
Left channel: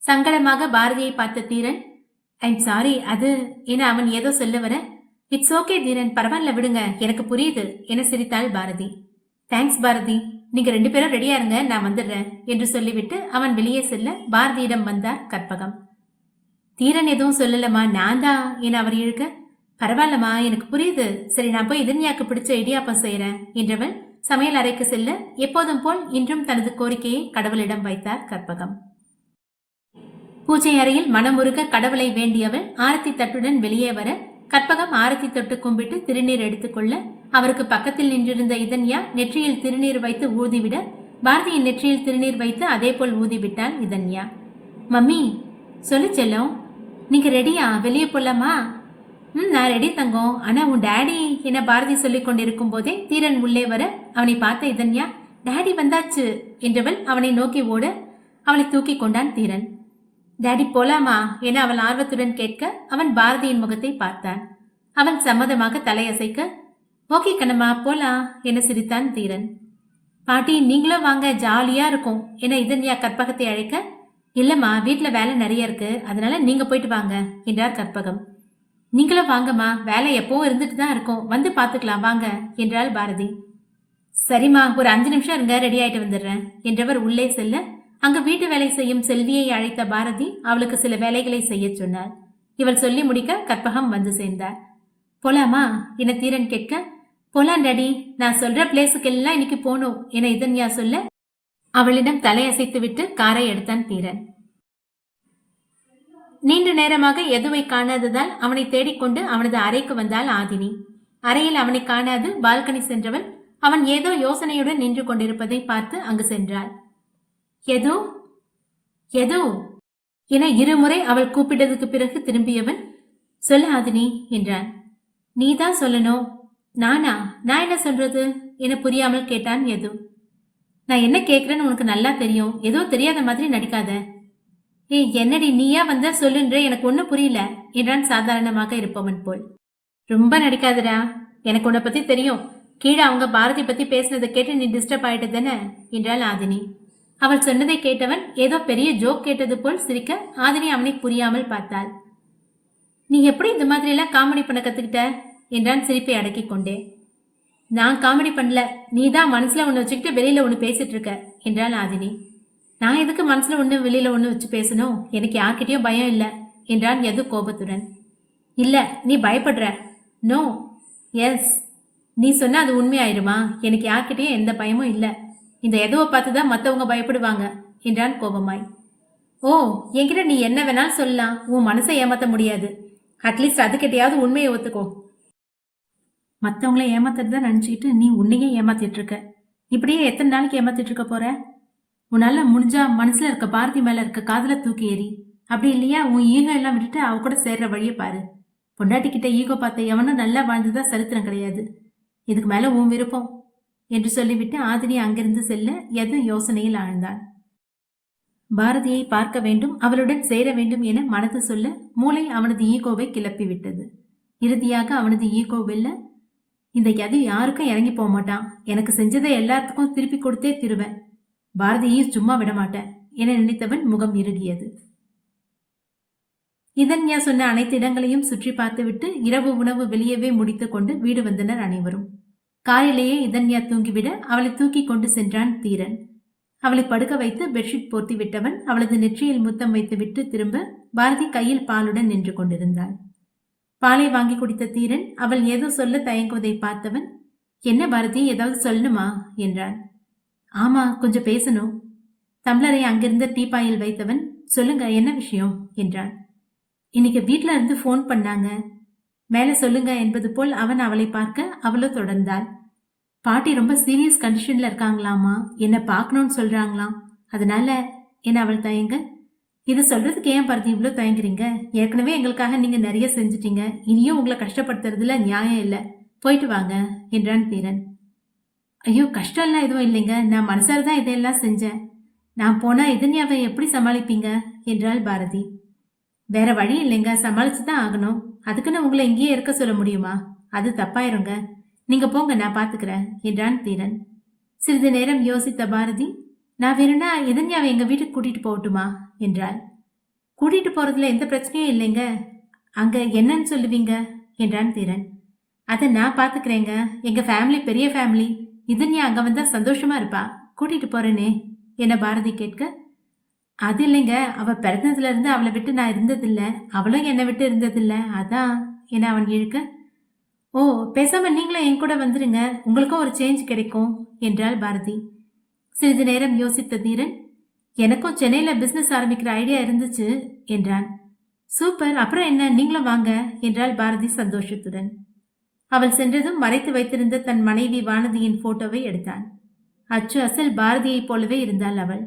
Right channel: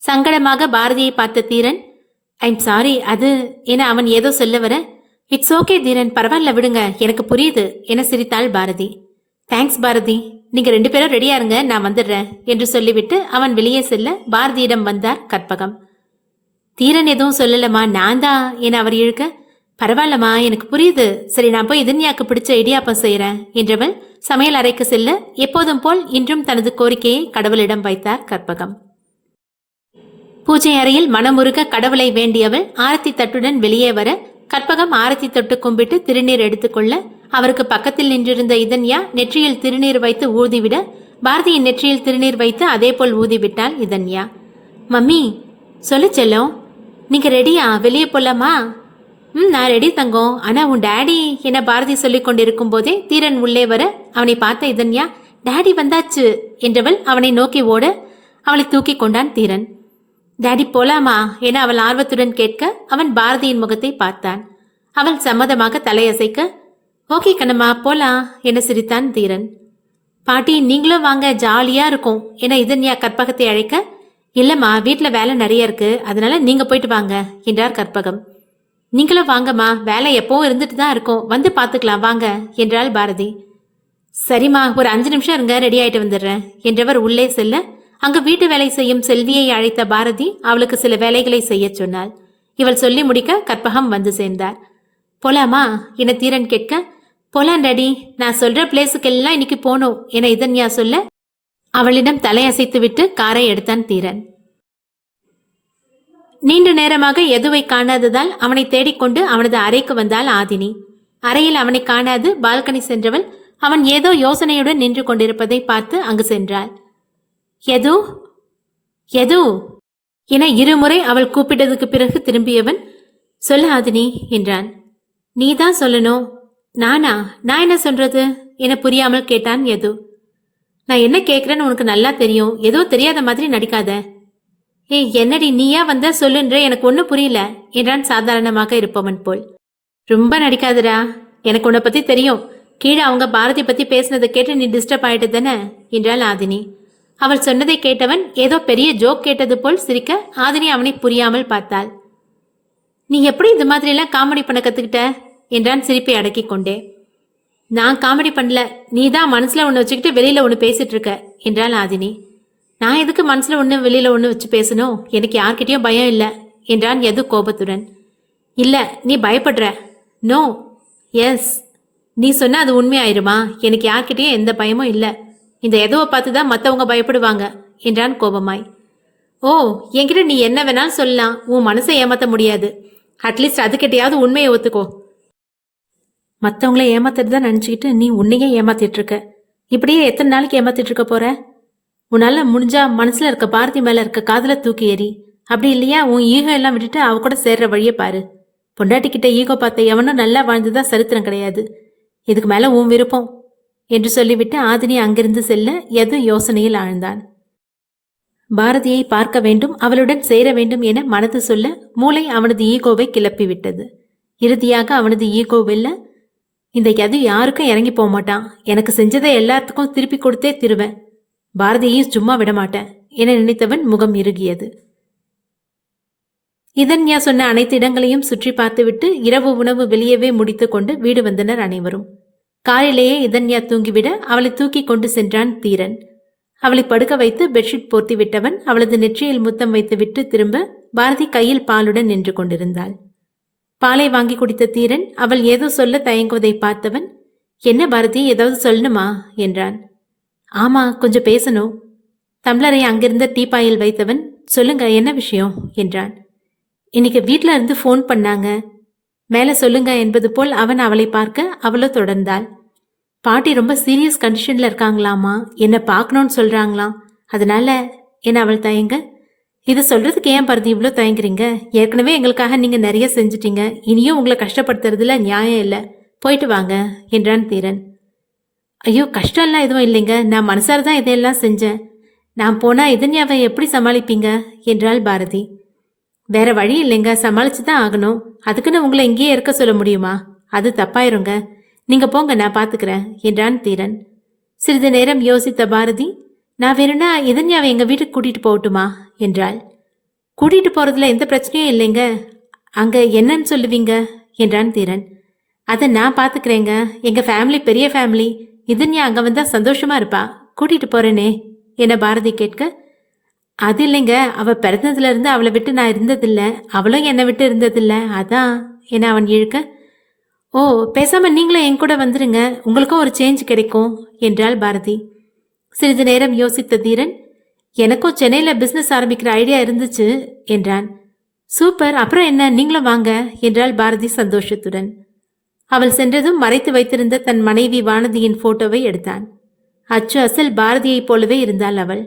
சங்கடமாக பாரதியை பார்த்த தீரன் ஐம் சாரி அது என அவன் ஏதோ சொல்ல வர இட்ஸ் ஓகே தீரன் பரவாயில்ல விடுங்க எனக்கு புரியுது என சிரித்தாள் பாரதி. தேங்க்ஸ் பாரதி. நீங்க ரெண்டு பேரும் ரெடியா இருங்க நான் வந்துடுறேன் என்று சொல்லிவிட்டு அவன் வெளியே செல்ல பாரதியிடம் வந்தார் கற்பகம். தீரன் எதுவும் சொல்லலமா நான் தான் என அவர் இழுக்க பரவாயில்லம்மா எனக்கு புரியுது. சரி நான் போய் இதன்யாக்கு பிடிச்ச இடியாப்பம் செய்யறேன் என்றவள் சமையல் அறைக்கு செல்ல எப்போதும் போல் இன்றும் தனது கோரிக்கையை கடவுளிடம் வைத்தார் கற்பகம். பூஜை அறையில் மனமுருக கடவுளை வேண்டியவள் ஆரத்தி தட்டுடன் வெளியே வர கற்பகம் ஆரத்தி தொட்டு கும்பிட்டு திருநீர் எடுத்துக்கொள்ள அவருக்கு பக்கத்தில் நின்றிருந்த இதன்யா நெற்றியில் திருநீர் வைத்து ஊதிவிட பாரதியின் நெற்றியில் திருநீர் வைத்து அதேபோல் ஊதிவிட்டாள் இதன்யா. மம்மி சொல்லு செல்லும் நீங்க ரெடியா? வெளியே போலாமா? ம் நான் ரெடி தங்கம். ஆனா உன் டேடி என பாரதி சொல்லிக் கொண்டிருக்கும் போதே தீரன் உள்ளே வர அவனை பார்த்த இதன்யா டேடி வந்தாச்சு என்றவள் அவனை நோக்கி ஓட அவளை தூக்கி கொண்டான் தீரன். டேடி போலாமா? என அவள் ஆர்வத்துடன் கேட்க அவன் பாரதியின் முகத்தை பார்த்தான். அவள் சம்மதமாக தலையசைக்க ஓகே கண்ணம்மா போலாம் என சிரித்தான் தீரன். பாட்டி நீங்களும் வாங்க ஜாலியா இருக்கும் என இதன்யா கற்பகத்தை அழைக்க இல்லம்மா வீட்டில் வேலை நிறைய இருக்கு அதனால நீங்க போயிட்டு வாங்க என்றார் கற்பகம். நீங்களும் வாங்கம்மா வேலை எப்பவும் இருந்துட்டு தான் இருக்கும். வந்து பார்த்துக்கலாம் வாங்க என்றாள் பாரதி. சரிம்மா ஒரு அஞ்சு நிமிஷம் இருங்க ரெடி ஆயிட்டு வந்துடுறேன் என்றவர் உள்ளே செல்ல அங்கு வீட்டு வேலை செய்யும் செல்வியை அழைத்த பாரதி அவளுக்கு சில வேலைகளை செய்யச் சொன்னாள். இவள் சொல்லி முடிக்க கற்பகம் வந்து சேர்ந்தார். போலாமா என தீரன் கேட்க போலாம் டாடி நான் சொல்ற பிளேஸுக்கெல்லாம் இன்னைக்கு போகணும் என இதன்யா சொல்ல அவளிடம் தலையசைத்து விட்டு காரை எடுத்தான் தீரன். நீண்ட நேரமாக எதுவை காணாததால் அவனை தேடிக்கொண்டு அவனது அறைக்கு வந்தாள் ஆதினி. அறையில் அவனை காணாது பால்கனி சென்றவள் அவன் ஏதோ யோசனையுடன் நின்று கொண்டிருப்பதை பார்த்து அங்கு சென்றாள். எது? எது? என இருமுறை அவள் கூப்பிட்டதுக்கு பிறகு திரும்பியவன் சொல்ல ஆதினி என்றான். நீதான் சொல்லணும். நானா? நான் என்ன சொல்றது? என புரியாமல் கேட்டான் எது நான் என்ன கேட்கிறேன்னு உனக்கு நல்லா தெரியும். ஏதோ தெரியாத மாதிரி நடிக்காத. ஏய் என்னடி நீயா வந்த சொல்லுன்ற எனக்கு ஒன்றும் புரியல. என்றான் சாதாரணமாக இருப்பவன் போல். ரொம்ப நடிக்காதடா. எனக்கு உன்னை பத்தி தெரியும். கீழே அவங்க பாரதி பத்தி பேசினதை கேட்டு நீ டிஸ்டர்ப் ஆயிட்டு தானே? என்றாள் ஆதினி. அவள் சொன்னதை கேட்டவன் ஏதோ பெரிய ஜோக் கேட்டது போல் சிரிக்க ஆதினி அவனை புரியாமல் பார்த்தாள். நீ எப்படி இந்த மாதிரியெல்லாம் காமெடி பண்ண கத்துக்கிட்ட? என்றான் சிரிப்பை அடக்கிக் கொண்டே. நான் காமெடி பண்ணல. நீ தான் மனசுல ஒன்று வச்சுக்கிட்டு வெளியில ஒன்று பேசிட்டு இருக்க என்றாள் ஆதினி. நான் எதுக்கு மனசுல ஒன்று வெளியில ஒன்று வச்சு பேசணும்? எனக்கு யார்கிட்டயும் பயம் இல்லை என்றான் எது கோபத்துடன். இல்ல நீ பயப்படுற. நோ எஸ் நீ சொன்ன அது உண்மையாயிருமா? எனக்கு யார்கிட்டயும் எந்த பயமும் இல்லை. இந்த எதுவை பார்த்து தான் மற்றவங்க பயப்படுவாங்க என்றான் கோபமாய். ஓ என்கிட்ட நீ என்ன வேணாலும் சொல்லலாம். உன் மனசை ஏமாத்த முடியாது. அட்லீஸ்ட் அதுக்கிட்டையாவது உண்மையை ஒத்துக்கோ. மற்றவங்கள ஏமாத்துறதா தான் நினச்சிக்கிட்டு நீ உன்னையே ஏமாத்திட்டு இருக்க. இப்படியே எத்தனை நாளைக்கு ஏமாத்திட்டு இருக்க போற? உன்னால முடிஞ்சா மனசுல இருக்க பாரதி மேல இருக்க காதல தூக்கி எறி. அப்படி இல்லையா? உன் ஈகோ எல்லாம் விட்டுட்டு அவ கூட சேர்ற வழியை பாரு. பொண்டாட்டிக்கிட்ட ஈகோ பார்த்த எவனும் நல்லா வாழ்ந்துதான் சரித்திரம் கிடையாது. இதுக்கு மேல உன் விருப்பம். என்று சொல்லிவிட்டு ஆதினி அங்கிருந்து செல்ல எது யோசனையில் ஆழ்ந்தான். பாரதியை பார்க்க வேண்டும் அவளுடன் சேர வேண்டும் என மனது சொல்ல மூளை அவனது ஈகோவை கிளப்பிவிட்டது. இறுதியாக அவனது ஈகோ வெல்ல இந்த எது யாருக்கும் இறங்கி போக மாட்டான் எனக்கு செஞ்சதை எல்லாத்துக்கும் திருப்பி கொடுத்தே திருவேன் பாரதியையும் சும்மா விடமாட்டேன் என நினைத்தவன் முகம் இறுகியது. இதன்யா சொன்ன அனைத்து இடங்களையும் சுற்றி பார்த்துவிட்டு இரவு உணவு வெளியவே முடித்துக்கொண்டு வீடு வந்தனர் அனைவரும். காரிலேயே இதன்யா தூங்கிவிட அவளை தூக்கி கொண்டு சென்றான் தீரன். அவளை படுக்க வைத்து பெட்ஷீட் போர்த்தி விட்டவன் அவளது நெற்றியில் முத்தம் வைத்துவிட்டு திரும்ப பாரதி கையில் பாலுடன் நின்று கொண்டிருந்தாள். பாலை வாங்கி குடித்த தீரன் அவள் ஏதோ சொல்ல தயங்குவதை பார்த்தவன் என்ன பாரதி ஏதாவது சொல்லணுமா? என்றான். ஆமா கொஞ்சம் பேசணும். தம்ளரை அங்கிருந்த டீப்பாயில் வைத்தவன் சொல்லுங்க என்ன விஷயம்? என்றான். இன்னைக்கு வீட்டில் இருந்து ஃபோன் பண்ணாங்க. மேலே சொல்லுங்க என்பது போல் அவன் அவளை பார்க்க அவளோ தொடர்ந்தாள். பாட்டி ரொம்ப சீரியஸ் கண்டிஷன்ல இருக்காங்களாமா என்னை பார்க்கணும்னு சொல்றாங்களாம். அதனால என்ன அவள் தயங்க? இதை சொல்றதுக்கு ஏன் பருதி இவ்வளோ தயங்குறீங்க? ஏற்கனவே எங்களுக்காக நீங்க நிறைய செஞ்சிட்டீங்க. இனியும் உங்களை கஷ்டப்படுத்துறதுல நியாயம் இல்லை. போயிட்டு வாங்க என்றான் தீரன். ஐயோ கஷ்டம்லாம் எதுவும் இல்லைங்க. நான் மனசார தான் இதையெல்லாம் செஞ்சேன். நான் போனால் இதன்யாவை எப்படி சமாளிப்பீங்க? என்றாள் பாரதி. வேற வழி இல்லைங்க. சமாளிச்சு தான் ஆகணும். அதுக்குன்னு உங்களை இங்கேயே இருக்க சொல்ல முடியுமா? அது தப்பாயிருங்க. நீங்க போங்க நான் பாத்துக்கிறேன் என்றான் தீரன். சிறிது நேரம் யோசித்த பாரதி நான் வேணும்னா இதன்யாவை எங்க வீட்டுக்கு கூட்டிட்டு போகட்டுமா? என்றாள். கூட்டிட்டு போறதுல எந்த பிரச்சனையும் இல்லைங்க. அங்க என்னன்னு சொல்லுவீங்க? என்றான் தீரன். அதை நான் பாத்துக்கிறேங்க. எங்க ஃபேமிலி பெரிய ஃபேமிலி இதன்யா அங்கே வந்தால் சந்தோஷமா இருப்பா. கூட்டிகிட்டு போகிறேனே என பாரதி கேட்க. அது இல்லைங்க அவள் பிறந்ததுலேருந்து அவளை விட்டு நான் இருந்ததில்லை. அவளும் என்னை விட்டு இருந்ததில்ல. அதான் என அவன் இழுக்க. ஓ பேசாமல் நீங்களும் என் கூட வந்துடுங்க உங்களுக்கும் ஒரு சேஞ்ச் கிடைக்கும் என்றாள் பாரதி. சிறிது நேரம் யோசித்த தீரன் எனக்கும் சென்னையில் பிஸ்னஸ் ஆரம்பிக்கிற ஐடியா இருந்துச்சு என்றான். சூப்பர் அப்புறம் என்ன? நீங்களும் வாங்க என்றாள் பாரதி சந்தோஷத்துடன். அவள் சென்றதும் மறைத்து வைத்திருந்த தன் மனைவி வானதியின் போட்டோவை எடுத்தான். அச்சு அசல் பாரதியைப் போலவே இருந்தாள் அவள்.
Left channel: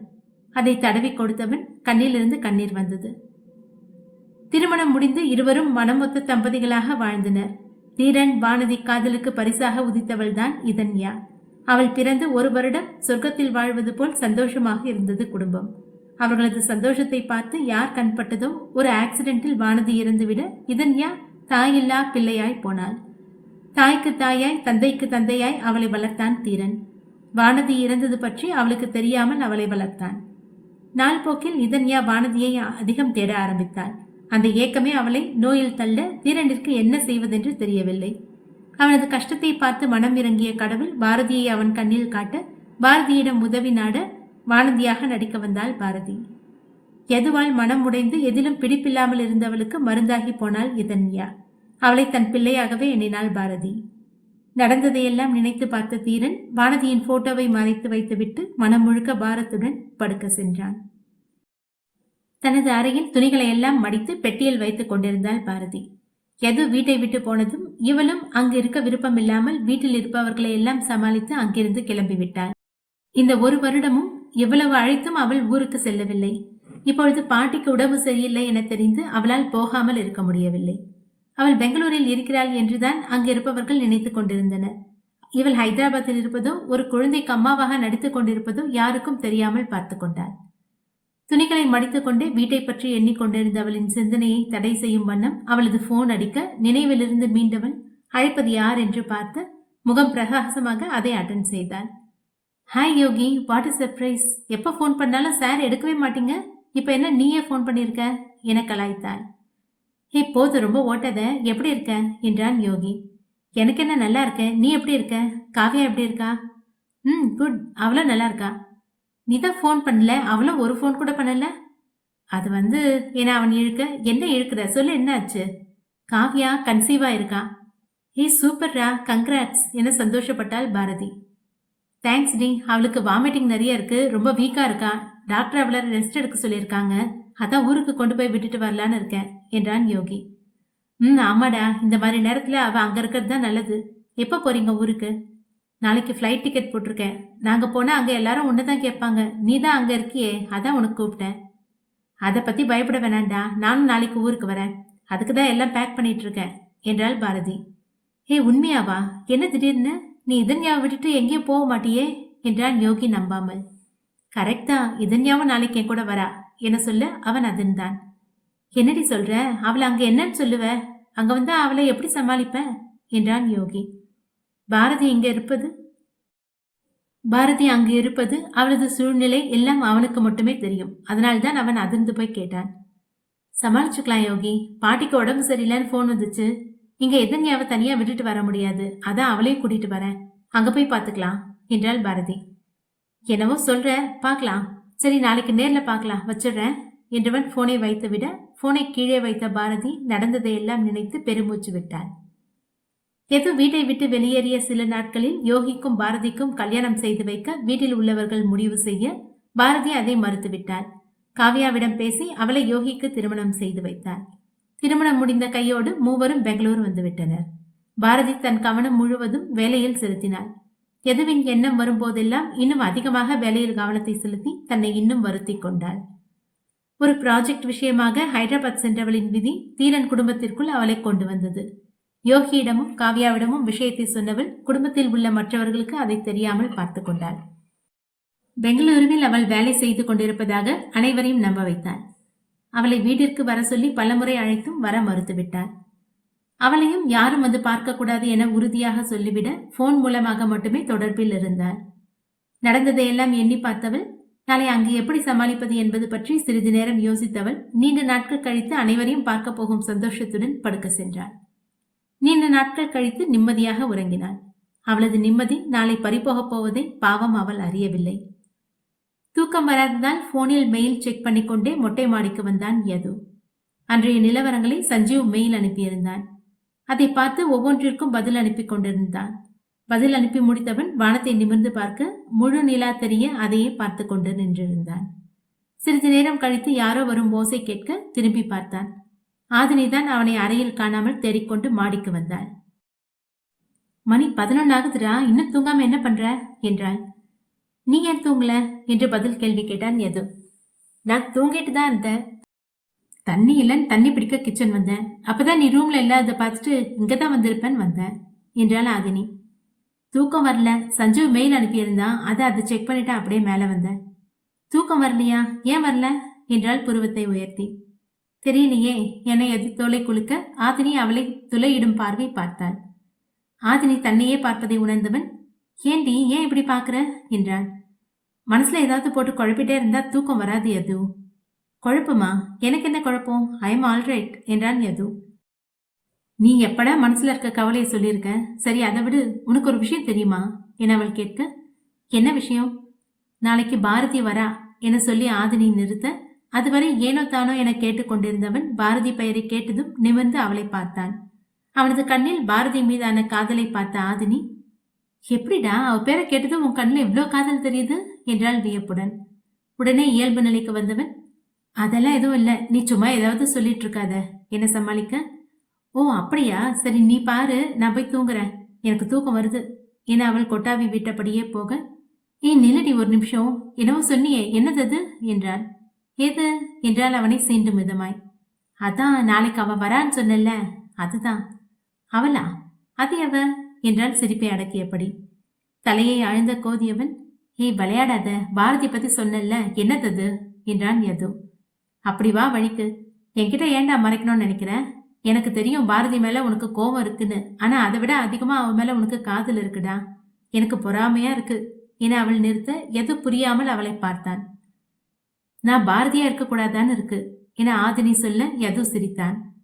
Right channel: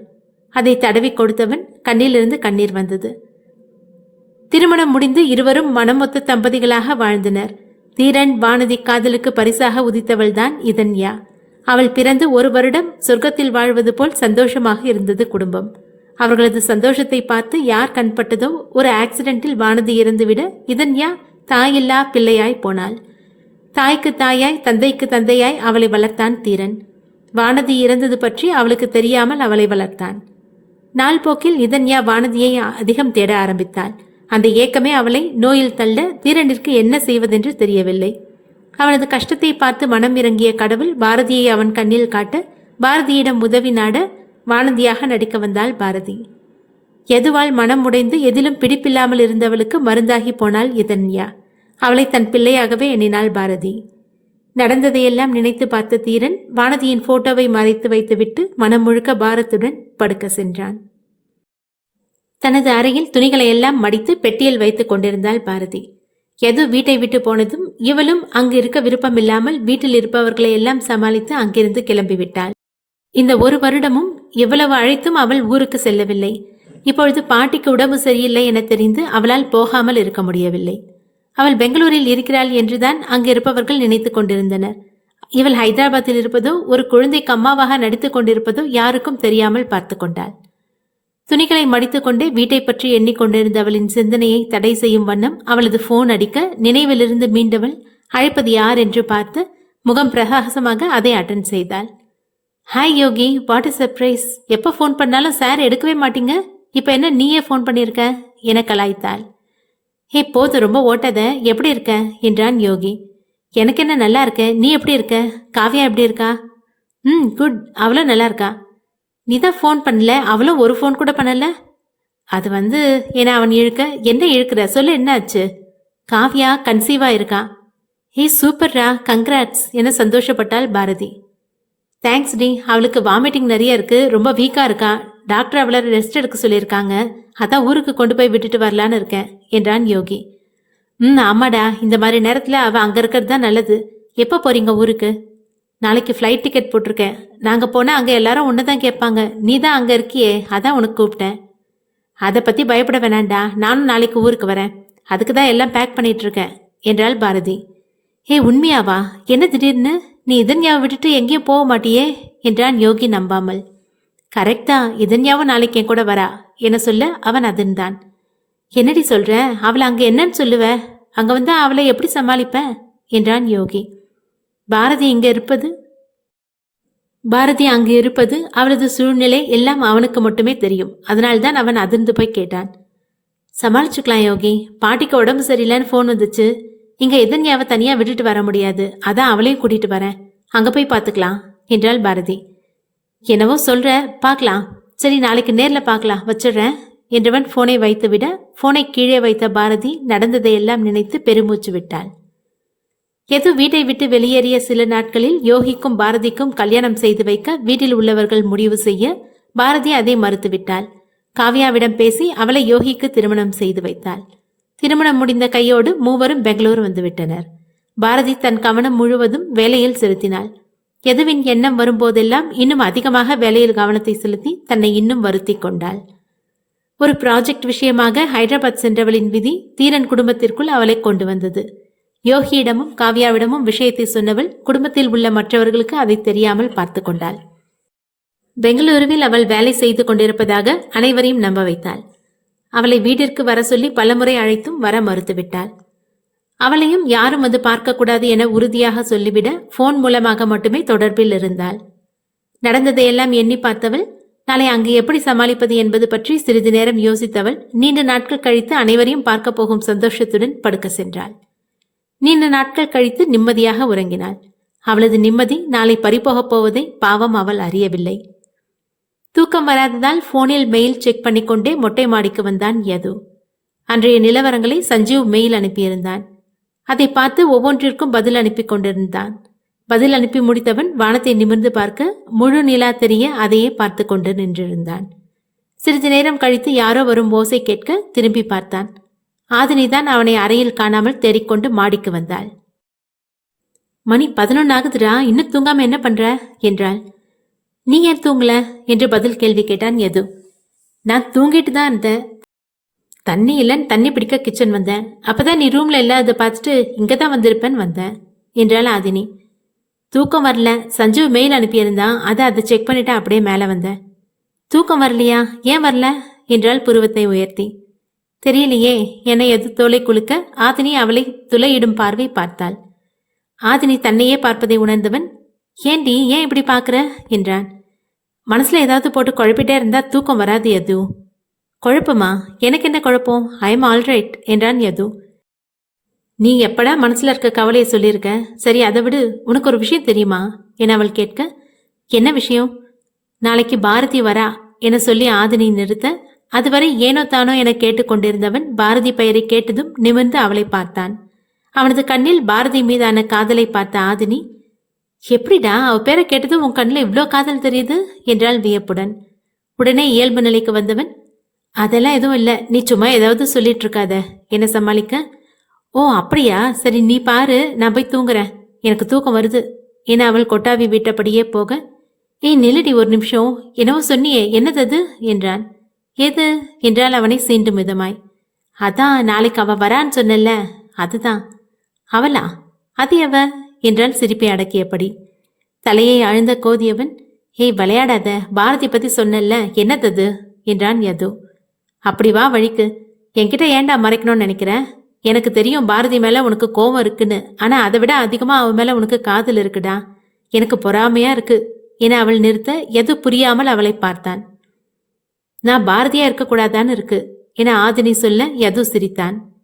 அதை தடவி கொடுத்தவன் கண்ணிலிருந்து கண்ணீர் வந்தது. திருமணம் முடிந்து இருவரும் மனமொத்த தம்பதிகளாக வாழ்ந்தனர். தீரன் வானதி காதலுக்கு பரிசாக உதித்தவள்தான் இதன்யா. அவள் பிறந்து ஒரு வருடம் சொர்க்கத்தில் வாழ்வது போல் சந்தோஷமாக இருந்தது குடும்பம். அவர்களது சந்தோஷத்தை பார்த்து யார் கண்பட்டதோ ஒரு ஆக்சிடென்ட்டில் வானதி இறந்துவிட இதன்யா தாயில்லா பிள்ளையாய் போனாள். தாய்க்கு தாயாய் தந்தைக்கு தந்தையாய் அவளை வளர்த்தான் தீரன். வானதி இறந்தது பற்றி அவளுக்கு தெரியாமல் அவளை வளர்த்தான். நாள் போக்கில் இதன்யா வானதியை அதிகம் தேட ஆரம்பித்தாள். அந்த ஏக்கமே அவளை நோயில் தள்ள தீரனிற்கு என்ன செய்வதென்று தெரியவில்லை. அவனது கஷ்டத்தை பார்த்து மனம் இறங்கிய கடவுள் பாரதியை அவன் கண்ணில் காட்ட பாரதியிடம் உதவி நாட வானதியாக நடிக்க வந்தாள் பாரதி. எதுவால் மனம் உடைந்து எதிலும் பிடிப்பில்லாமல் இருந்தவளுக்கு மருந்தாகி போனாள் இதன்யா. அவளை தன் பிள்ளையாகவே எண்ணினாள் பாரதி. நடந்ததையெல்லாம் நினைத்து பார்த்த தீரன் வானதியின் போட்டோவை மறைத்து வைத்துவிட்டு மனம் முழுக்க பாரத்துடன் படுக்க சென்றான். தனது அறையில் துணிகளை எல்லாம் மடித்து பெட்டியில் வைத்துக் கொண்டிருந்தாள் பாரதி. எது வீட்டை விட்டு போனதும் இவளும் அங்கு இருக்க விருப்பமில்லாமல் வீட்டில் இருப்பவர்களை எல்லாம் சமாளித்து அங்கிருந்து கிளம்பிவிட்டாள். இந்த ஒரு வருடமும் எவ்வளவு அழைத்தும் அவள் ஊருக்கு செல்லவில்லை. இப்பொழுது பாட்டிக்கு உடம்பு சரியில்லை என தெரிந்து அவளால் போகாமல் இருக்க முடியவில்லை. அவள் பெங்களூரில் இருக்கிறாள் என்றுதான் அங்கு இருப்பவர்கள் நினைத்து கொண்டிருந்தனர். இவள் ஹைதராபாத்தில் இருப்பதோ ஒரு குழந்தைக்கு அம்மாவாக நடித்துக் கொண்டிருப்பதோ யாருக்கும் தெரியாமல் பார்த்து கொண்டாள். துணிகளை மடித்துக்கொண்டே வீட்டை பற்றி எண்ணிக்கொண்டிருந்த அவளின் சிந்தனையை தடை செய்யும் வண்ணம் அவளது போன் அடிக்க நினைவிலிருந்து மீண்டவள் அழைப்பது யார்? என்று பார்த்து முகம் பிரகாசமாக அதை அட்டன் செய்தாள். Hi Yogi what is surprise எப்போ ஃபோன் பண்ணாலும் சார் எடுக்கவே மாட்டீங்க. இப்போ என்ன நீயே ஃபோன் பண்ணியிருக்க என கலாய்த்தாள். ஹே போது ரொம்ப ஓட்டத. எப்படி இருக்க? என்றான் யோகி. எனக்கு என்ன நல்லா இருக்க? நீ எப்படி இருக்க? காவியா எப்படி இருக்கா? ம் குட். அவளும் நல்லா இருக்கா? நீ தான் ஃபோன் பண்ணல? அவளும் ஒரு ஃபோன் கூட பண்ணல? அது வந்து என அவன் இழுக்க என்ன இழுக்கிற? சொல்ல என்ன ஆச்சு? காவியா கன்சீவா இருக்கா? ஹே சூப்பர்ரா. கங்க்ராட்ஸ். என சந்தோஷப்பட்டாள் பாரதி. தேங்க்ஸ் டி அவளுக்கு வாமிட்டிங் நிறைய இருக்கு. ரொம்ப வீக்கா இருக்கா? டாக்டர் அவளை ரெஸ்ட் எடுக்க சொல்லியிருக்காங்க. அதான் ஊருக்கு கொண்டு போய் விட்டுட்டு வரலான்னு இருக்கேன் என்றான் யோகி. ம் ஆமாடா. இந்த மாதிரி நேரத்தில் அவள் அங்கே இருக்கிறது தான் நல்லது. எப்போ போறீங்க ஊருக்கு? நாளைக்கு ஃப்ளைட் டிக்கெட் போட்டிருக்கேன். நாங்கள் போனால் அங்கே எல்லாரும் ஒன்று தான் கேட்பாங்க. நீ தான் அங்கே இருக்கியே அதான் உனக்கு கூப்பிட்டேன். அதை பற்றி பயப்பட வேணாண்டா நானும் நாளைக்கு ஊருக்கு வரேன். அதுக்கு தான் எல்லாம் பேக் பண்ணிட்டு இருக்கேன் என்றாள் பாரதி. ஏ உண்மையாவா? என்ன திடீர்னு? நீ இதன்யாவை விட்டுட்டு எங்கேயும் போக மாட்டியே என்றான் யோகி நம்பாமல். கரெக்டா இதன்யாவும் நாளைக்கு என் கூட வரா என சொல்ல அவன் அதிர்ந்தான். என்னடி சொல்ற? அவளை அங்க என்னன்னு சொல்லுவ? அங்க வந்தா அவளை எப்படி சமாளிப்ப? என்றான் யோகி. பாரதி இங்க இருப்பது? பாரதி அங்கு இருப்பது அவளது சூழ்நிலை எல்லாம் அவனுக்கு மட்டுமே தெரியும். அதனால்தான் அவன் அதிர்ந்து போய் கேட்டான். சமாளிச்சுக்கலாம் யோகி. பாட்டிக்கு உடம்பு சரியில்லைன்னு ஃபோன் வந்துச்சு. இங்க எதன்யாவை தனியா விட்டுட்டு வர முடியாது. அதான் அவளையும் கூட்டிட்டு வரேன். அங்க போய் பார்த்துக்கலாம் என்றாள் பாரதி. என்னவோ சொல்ற பார்க்கலாம் சரி நாளைக்கு நேர்ல பார்க்கலாம் வச்சிடுறேன் என்றவன் போனை வைத்துவிட போனை கீழே வைத்த பாரதி நடந்ததையெல்லாம் நினைத்து பெருமூச்சு விட்டாள். எது வீட்டை விட்டு வெளியேறிய சில நாட்களில் யோகிக்கும் பாரதிக்கும் கல்யாணம் செய்து வைக்க வீட்டில் உள்ளவர்கள் முடிவு செய்ய பாரதி அதை மறுத்துவிட்டாள். காவ்யாவிடம் பேசி அவளை யோகிக்கு திருமணம் செய்து வைத்தாள். திருமணம் முடிந்த கையோடு மூவரும் பெங்களூரு வந்துவிட்டனர். பாரதி தன் கவனம் முழுவதும் வேலையில் செலுத்தினாள். எதுவின் எண்ணம் வரும்போதெல்லாம் இன்னும் அதிகமாக வேலையில் கவனத்தை செலுத்தி தன்னை இன்னும் வருத்திக் கொண்டாள். ஒரு ப்ராஜெக்ட் விஷயமாக ஹைதராபாத் சென்றவளின் விதி தீரன் குடும்பத்திற்குள் அவளை கொண்டு வந்தது. யோகியிடமும் காவ்யாவிடமும் விஷயத்தை சொன்னவள் குடும்பத்தில் உள்ள மற்றவர்களுக்கு அதை தெரியாமல் பார்த்து கொண்டாள். பெங்களூருவில் அவள் வேலை செய்து கொண்டிருப்பதாக அனைவரையும் நம்ப வைத்தாள். அவளை வீட்டிற்கு வர சொல்லி பலமுறை அழைத்தும் வர மறுத்துவிட்டாள். அவளையும் யாரும் அது பார்க்கக்கூடாது என உறுதியாக சொல்லிவிட போன் மூலமாக மட்டுமே தொடர்பில் இருந்தாள். நடந்ததையெல்லாம் எண்ணி பார்த்தவள் நாளை அங்கு எப்படி சமாளிப்பது என்பது பற்றி சிறிது நேரம் யோசித்தவள் நீண்ட நாட்கள் கழித்து அனைவரையும் பார்க்க போகும் சந்தோஷத்துடன் படுக்க சென்றாள். நீண்ட நாட்கள் கழித்து நிம்மதியாக உறங்கினாள். அவளது நிம்மதி நாளை பறிபோகப் போவதை பாவம் அவள் அறியவில்லை. தூக்கம் வராததால் போனில் மெயில் செக் பண்ணிக்கொண்டே மொட்டை மாடிக்கு வந்தான் யது. அன்றைய நிலவரங்களை சஞ்சீவ் மெயில் அனுப்பியிருந்தான். அதை பார்த்து ஒவ்வொன்றிற்கும் பதில் அனுப்பி கொண்டிருந்தான். பதில் அனுப்பி முடித்தவன் வானத்தை நிமிர்ந்து பார்க்க முழு நிலா தெரிய அதையே பார்த்து கொண்டு நின்றிருந்தான். சிறிது நேரம் கழித்து யாரோ வரும் ஓசை கேட்க திரும்பி பார்த்தான். ஆதினிதான் அவனை அறையில் காணாமல் தேடிக்கொண்டு மாடிக்கு வந்தாள். மணி பதினொன்னு ஆகுதுடா இன்னும் தூங்காம என்ன பண்ற? என்றாள். நீ ஏன் தூங்கல? என்று பதில் கேள்வி கேட்டான் எது நான் தூங்கிட்டு தான் இருந்தேன். தண்ணி இல்லைன்னு தண்ணி பிடிக்க கிச்சன் வந்தேன். அப்பதான் நீ ரூம்ல இல்லாத பார்த்துட்டு இங்க தான் வந்திருப்பேன்னு வந்தேன் என்றாள் ஆதினி. தூக்கம் வரல. சஞ்சு மெயில் அனுப்பியிருந்தான். அதை அதை செக் பண்ணிட்டு அப்படியே மேலே வந்தேன். தூக்கம் வரலையா? ஏன் வரல? என்றாள் புருவத்தை உயர்த்தி. தெரியலையே என்னை எது தோலை குலுக்க ஆதினி அவளை துளையிடும் பார்வை பார்த்தாள். ஆதினி தன்னையே பார்ப்பதை உணர்ந்தவன் ஏண்டி ஏன் இப்படி பார்க்குற? என்றான். மனசில் ஏதாவது போட்டு குழப்பிட்டே இருந்தால் தூக்கம் வராது யது. குழப்பமா? எனக்கு என்ன குழப்பம்? ஐ எம் ஆல்ரைட் என்றான் யது. நீ எப்படா மனசில் இருக்க கவலையை சொல்லியிருக்க? சரி அதை விடு. உனக்கு ஒரு விஷயம் தெரியுமா? என அவள் கேட்க. என்ன விஷயம்? நாளைக்கு பாரதி வரா என சொல்லி ஆதினி நிறுத்த அதுவரை ஏனோ தானோ என கேட்டுக்கொண்டிருந்தவன் பாரதி பெயரை கேட்டதும் நிமிர்ந்து அவளை பார்த்தான். அவனது கண்ணில் பாரதி மீதான காதலை பார்த்த ஆதினி எப்படிடா? அவ பேரை கேட்டதும் உன் கண்ணில் இவ்வளோ காதல் தெரியுது? என்றாள் வியப்புடன். உடனே இயல்பு நிலைக்கு வந்தவன் அதெல்லாம் எதுவும் இல்லை. நீ சும்மா ஏதாவது சொல்லிட்டு இருக்காத. என்ன சமாளிக்க? ஓ அப்படியா? சரி நீ பாரு. நான் போய் தூங்குறேன். எனக்கு தூக்கம் வருது. என அவள் கொட்டாவி விட்டபடியே போக ஏய் நிலடி ஒரு நிமிஷம். என்னவோ சொன்னியே. என்னது அது? என்றான். எது? என்றால் அவனை சீண்டும் விதமாய் அதான் நாளைக்கு அவ வரான்னு சொன்னல அதுதான். அவளா? அது எவ? என்றான் சிரிப்பை அடக்கியபடி. தலையை ஆழ்ந்த கோதியவன் ஏய் விளையாடாத பாரதி பத்தி சொன்னல்ல என்னத்தது? என்றான் யது. அப்படி வா வழிக்கு. என்கிட்ட ஏன்டா மறைக்கணும்னு நினைக்கிற? எனக்கு தெரியும் பாரதி மேல உனக்கு கோவம் இருக்குன்னு. ஆனா அதை விட அதிகமா அவ மேல உனக்கு காதல் இருக்குடா. எனக்கு பொறாமையா இருக்கு. என அவள் நிறுத்த எது புரியாமல் அவளை பார்த்தான். நான் பாரதியா இருக்கக்கூடாதான்னு இருக்கு. என ஆதினி சொல்ல யது சிரித்தான்.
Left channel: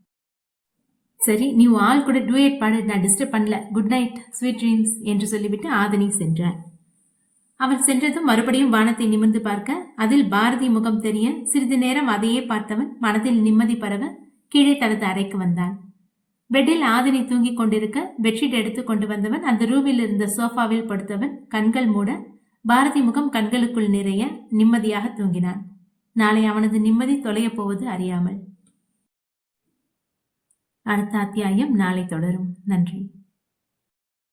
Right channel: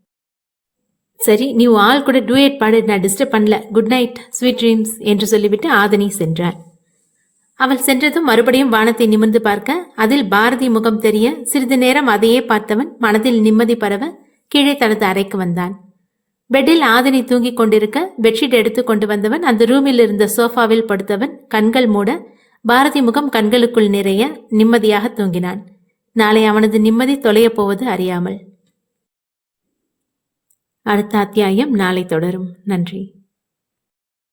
சரி நீ உன் ஆள் கூட டூயட் பாடு நான் டிஸ்டர்ப் பண்ணல. குட் நைட் ஸ்வீட் ட்ரீம்ஸ் என்று சொல்லிவிட்டு ஆதனி சென்றாள். அவள் சென்றதும் மறுபடியும் வானத்தை நிமிர்ந்து பார்க்க அதில் பாரதி முகம் தெரிய சிறிது நேரம் அதையே பார்த்தவன் மனதில் நிம்மதி பரவ கீழே தனது அறைக்கு வந்தான். பெட்டில் ஆதினி தூங்கிக் கொண்டிருக்க பெட்ஷீட் எடுத்து கொண்டு வந்தவன் அந்த ரூமில் இருந்த சோஃபாவில் படுத்தவன் கண்கள் மூட பாரதி முகம் கண்களுக்குள் நிறைய நிம்மதியாக தூங்கினான். நாளை அவனது நிம்மதி தொலையப் போவது அறியாமல். அடுத்த அத்தியாயம் நாளை தொடரும். நன்றி.